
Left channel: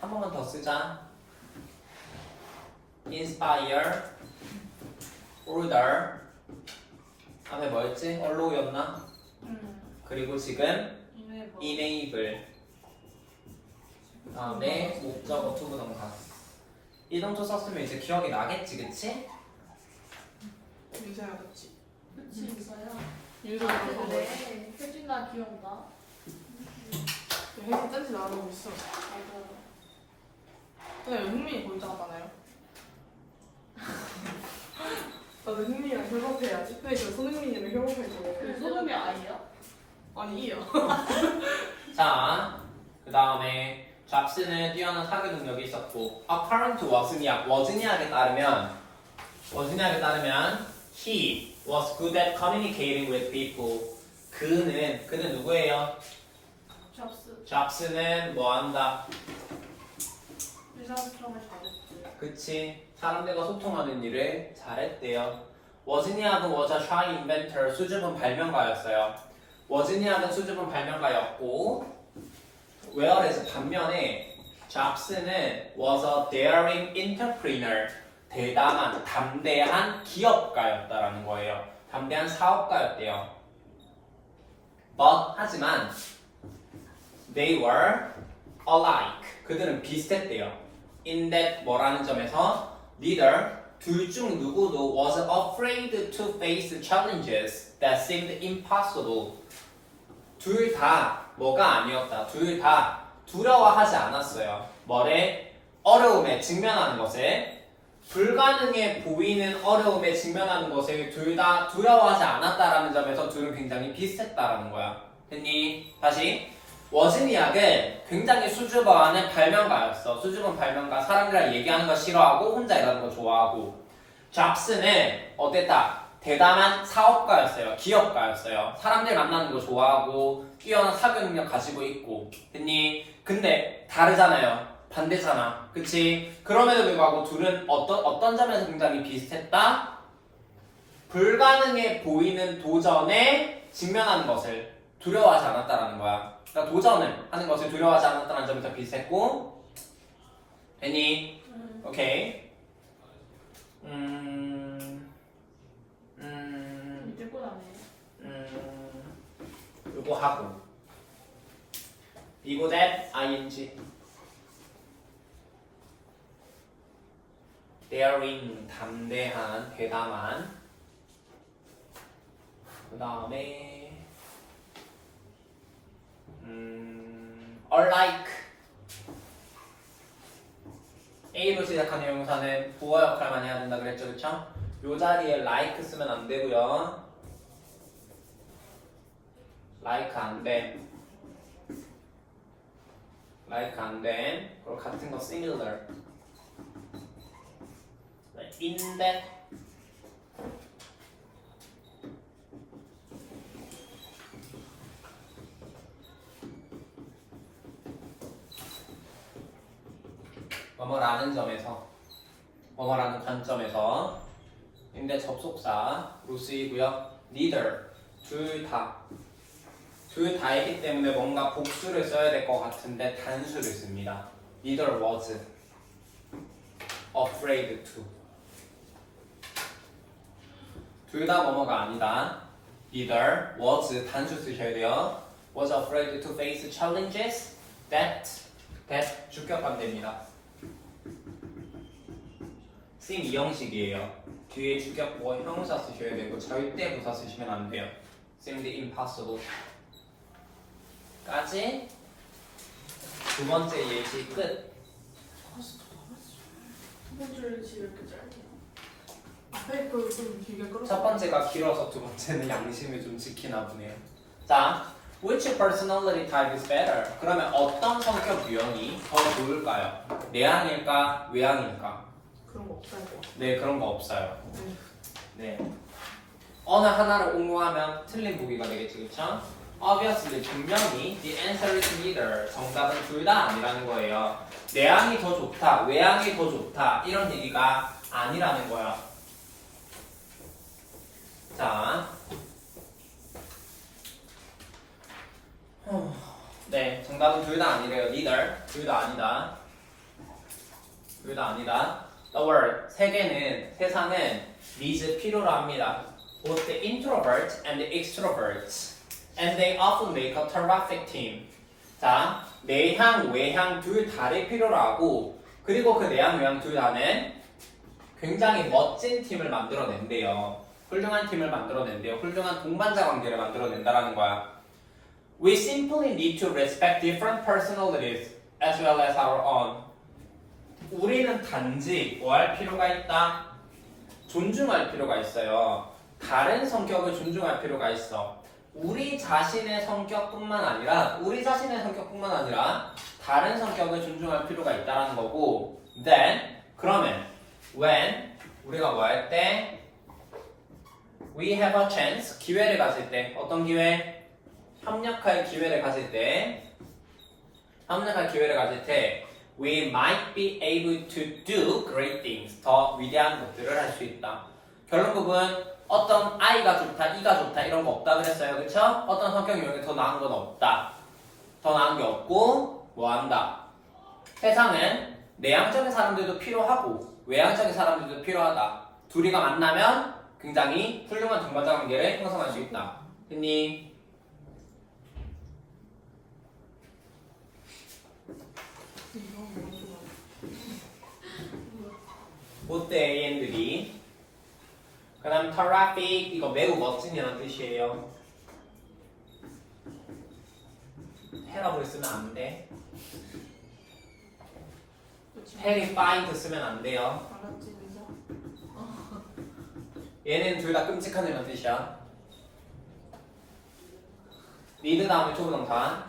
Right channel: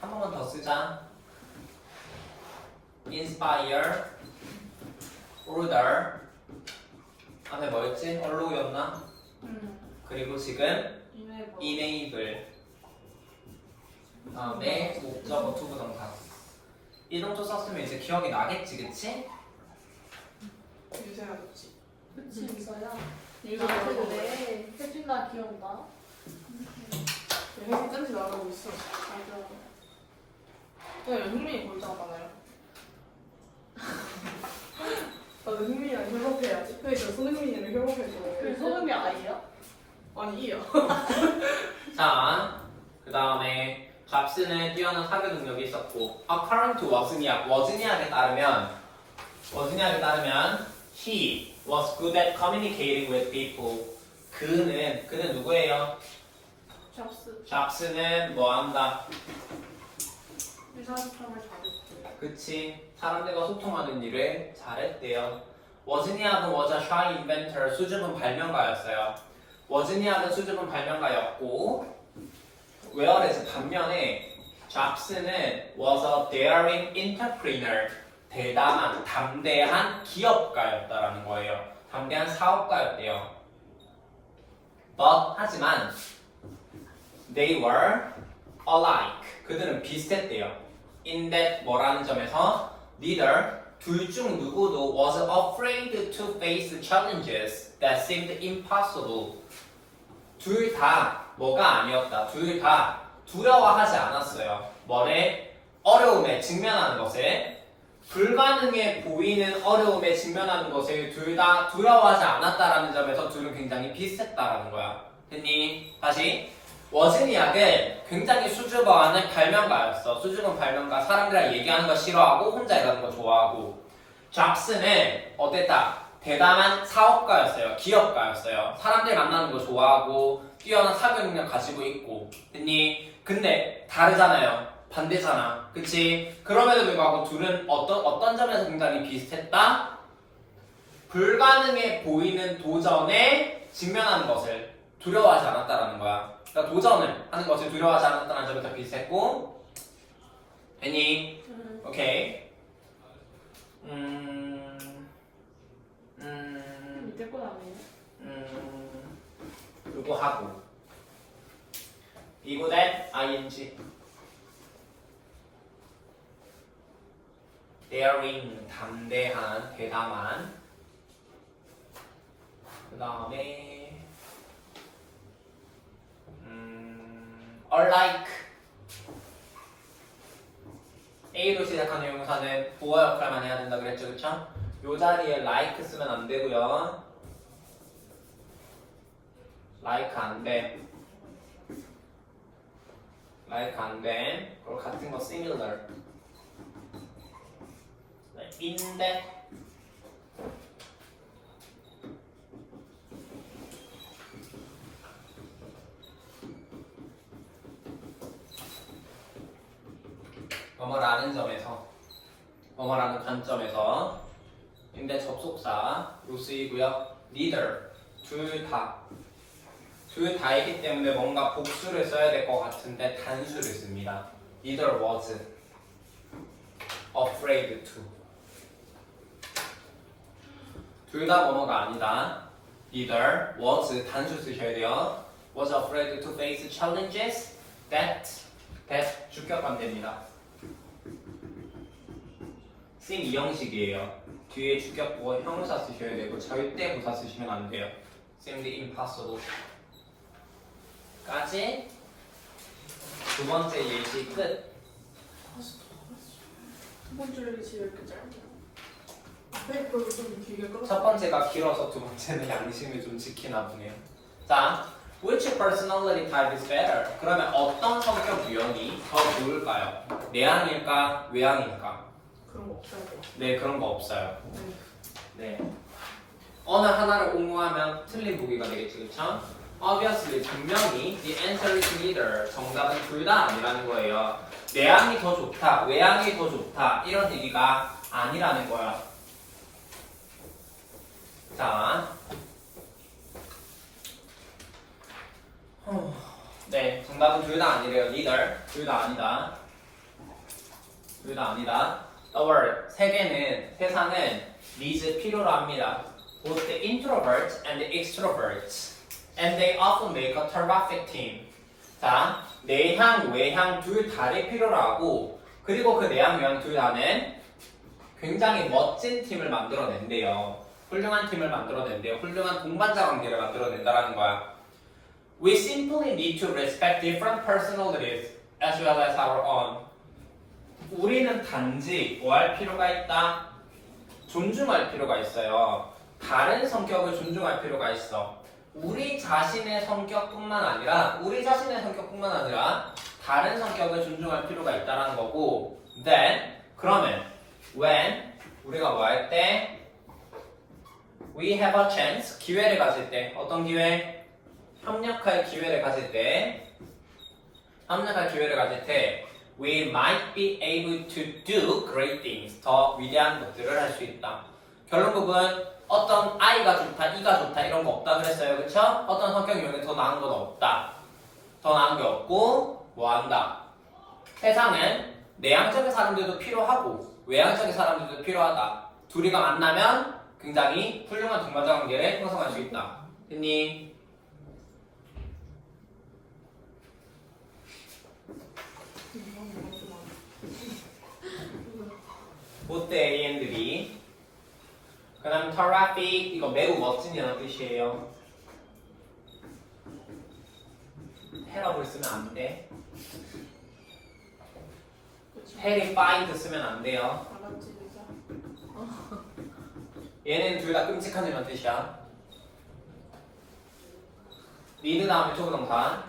한 번만 더 쓰자. inspire order 다음에 뭐였지? allow 였나? 그리고 지금 enable. 다음에 목적어 투부정사. 이동조 썼으면 이제 기억이 나겠지, 그치? 유세야 그치? 그치 있어요. 유세야 그거 뭐 네. 혜진아 기억나? 회사 짠지 나가고 있어. 맞아. 근데 왜 흥민이 거기 나가나요? 나도 흥민이랑 협업해야지. 근데 저 손흥민이랑 협업해서. 그 소름이 아니에요? 아니 이요. 자, 그 다음에 잡스는 뛰어난 사교 능력이 있었고, according to 워즈니악에 따르면 he was good at communicating with people. 그는 누구예요? 잡스. 잡스는 뭐 한다? 의사소통을 잘했지. 그치, 사람들과 소통하는 일을 잘했대요. 워즈니악은 was a shy inventor, 수줍은 발명가였어요. 워즈니악은 수줍은 발명가였고, 웨어레스 반면에 잡스는 was a daring entrepreneur, 대담한, 담대한 기업가였다라는 거예요. 담대한 사업가였대요. 하지만 they were alike, 그들은 비슷했대요. in that 뭐라는 점에서 neither, 둘 중 누구도 was afraid to face challenges that seemed impossible. 둘 다 뭐가 아니었다. 둘 다 두려워하지 않았어요. 뭐래? 어려움에 직면하는 것에, 불가능해 보이는 어려움에 직면하는 것을 둘 다 두려워하지 않았다라는 점에서 둘은 굉장히 비슷했다라는 거야. 됐니? 다시. 워즈니악은 굉장히 수줍어하는 발명가였어. 수줍은 발명가, 사람들이랑 얘기하는 거 싫어하고 혼자 일하는 거 좋아하고. 잡스는 어땠다? 대담한 사업가였어요. 기업가였어요. 사람들 만나는 거 좋아하고 뛰어난 사교 능력 가지고 있고. 됐니? 근데 다르잖아요. 반대잖아. 그치? 그럼에도 불구하고 둘은 어떤 점에서 굉장히 비슷했다? 불가능해 보이는 도전에 직면하는 것을 두려워하지 않았다라는 거야. 그러니까 도전을 하는 것을 두려워하지 않았다는 점에서 비슷했고. 됐니? 오케이. 밑에 건 아니에요? 그거 하고 이거 that ing daring 담대한 대담한 그 다음에 alike A로 시작하는 형용사는 부어 역할만 해야 된다 그랬죠, 그쵸? 요 자리에 like 쓰면 안 되고요. like 안 돼. like 안 돼. 그리고 같은 거 similar. in that. 뭐뭐라는 점에서, 뭐뭐라는 관점에서 in that 접속사로 쓰이고요. neither, 둘 다이기 때문에 뭔가 복수를 써야 될 것 같은데 단수를 씁니다. neither was afraid to. 둘 다 뭐뭐가 아니다. neither was 단수 쓰셔야 돼요. was afraid to face challenges that 주격 관대입니다. 쌤 이 형식이에요. 뒤에 주격보 형용사 쓰셔야 되고 절대 부사 쓰시면 안 돼요. 쌤 the impossible. 까지 두 번째 예시 끝. 두 번째 예시 왜 이렇게 짧냐? 앞에 거를 좀 길게 끌어. 첫 번째가 길어서 두 번째는 양심을 좀 지키나 보네요. 자, which personality type is better? 그러면 어떤 성격 유형이 더 좋을까요? 내향일까? 외향일까? 그런 거 없어요. 네, 그런 거 없어요. 네. 어느 하나를 옹호하면 틀린 보기가 되겠지, 그쵸? Obviously, 분명히 the answer is neither. 정답은 둘 다 아니라는 거예요. 내향이 더 좋다, 외향이 더 좋다 이런 얘기가 아니라는 거야. 자, 네, 정답은 둘 다 아니래요. neither, 둘 다 아니다. 둘 다 아니다. The world, 세상은 needs 필요로 합니다. Both the introvert and the extrovert. and they often make a terrific team. 자, 내향, 외향 둘 다를 필요로 하고 그리고 그 내향, 외향 둘 다는 굉장히 멋진 팀을 만들어낸대요. 훌륭한 팀을 만들어낸대요. 훌륭한 동반자 관계를 만들어낸다라는 거야. We simply need to respect different personalities as well as our own. 우리는 단지 뭐 할 필요가 있다? 존중할 필요가 있어요. 다른 성격을 존중할 필요가 있어. 우리 자신의 성격뿐만 아니라 다른 성격을 존중할 필요가 있다라는 거고 then 그러면 when 우리가 뭐 할 때 we have a chance 기회를 가질 때 어떤 기회? 협력할 기회를 가질 때 we might be able to do great things 더 위대한 것들을 할 수 있다. 결론부분 어떤 I가 좋다, E가 좋다 이런 거 없다 그랬어요. 그쵸? 어떤 성격 유형이 더 나은 건 없다. 더 나은 게 없고 뭐 한다. 세상은 내향적인 사람들도 필요하고 외향적인 사람들도 필요하다. 둘이가 만나면 굉장히 훌륭한 동반자 관계를 형성할 수 있다. 됐니? 보트 A and B. 그 다음 terrific 이거 매우 멋진이라는 뜻이에요. terrible 쓰면 안 돼. terrified 쓰면 안 돼요. 얘는 둘 다 끔찍한 이라는 뜻이야. need 다음에 초부동사.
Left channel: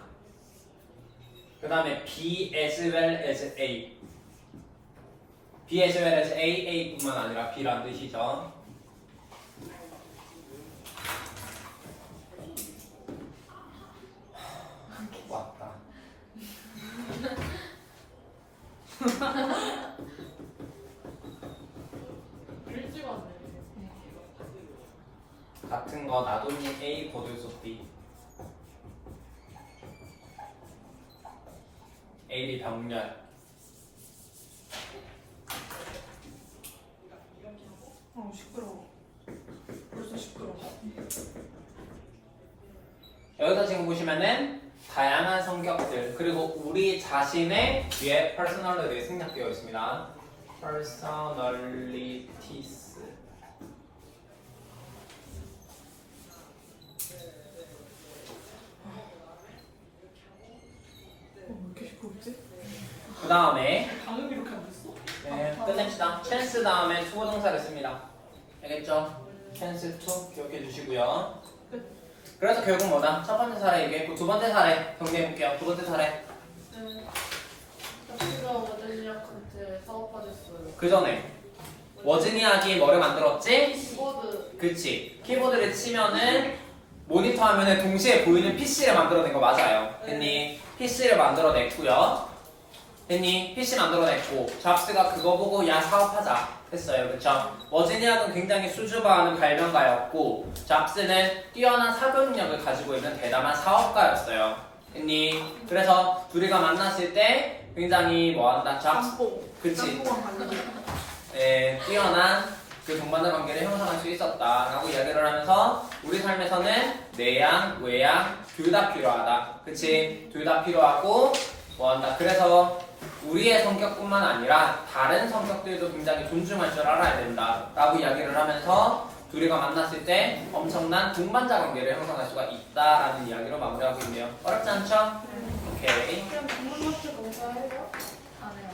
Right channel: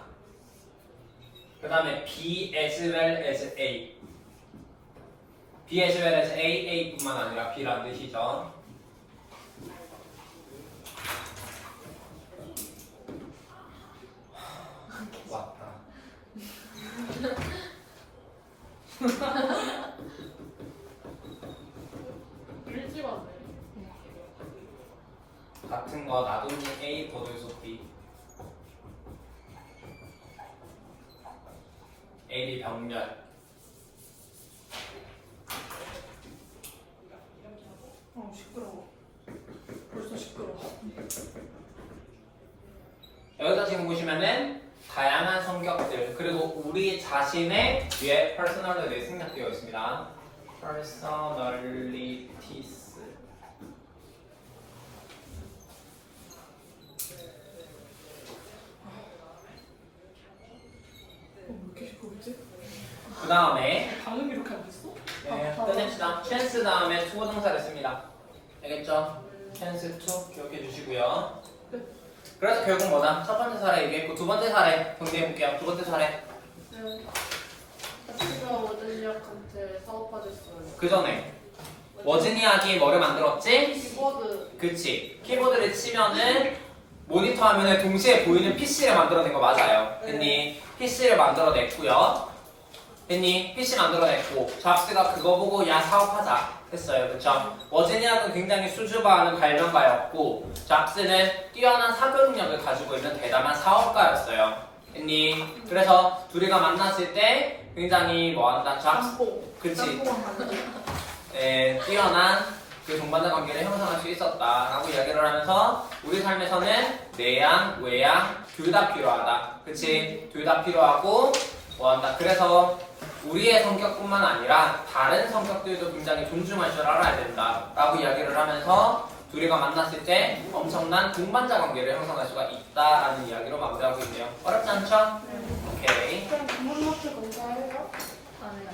그 다음에 be as well as A. be as well as A, A뿐만 아니라 B라는 뜻이죠. 왔다. 일찍 왔네. 같은 거 나도니 A 더들소 B. A 병렬. 시끄러워. 벌써 시끄러워. 여기서 지금 보시면은 다양한 성격들 그리고 우리 자신의 뒤에 personality가 생략되어 있습니다. personalities. 왜 이렇게 시끄럽지? 그 다음에 방금 이렇게 안 됐어? 네, 끝냅시다. chance 다음에 투부동사를 씁니다. 알겠죠? chance to 기억해 주시고요. 그래서 결국 뭐다? 첫 번째 사례 얘기했고 두 번째 사례 경계해볼게요. 두 번째 사례 친구가 워든이한테 사업하셨어요. 그 전에 워즈니악이 뭐를 만들었지? 키보드. 그치. 키보드를 치면은 모니터 화면에 동시에 보이는 PC를 만들어낸 거 맞아요. 됐니? PC를 만들어냈고요. 됐니? PC 만들어냈고 잡스가 그거 보고 야 사업하자 했어요. 그쵸? 워즈니악은 굉장히 수줍어하는 발명가였고 잡스는 뛰어난 사교 능력을 가지고 있는 대단한 사업가였어요. 됐니? 그래서 둘이가 만났을 때 굉장히 뭐한다? 잡스 그치? 네, 뛰어난 그 동반자 관계를 형성할 수 있었다라고 이야기를 하면서 우리 삶에서는 내양, 외양 둘 다 필요하다. 그치? 둘 다 필요하고 뭐한다. 그래서 우리의 성격뿐만 아니라 다른 성격들도 굉장히 존중할 줄 알아야 된다라고 이야기를 하면서 둘이가 만났을 때 엄청난 동반자 관계를 형성할 수가 있다라는 이야기로 마무리하고 있네요. 어렵지 않죠? 오케이. 그냥 부모님한테 감사해요? 안 해요.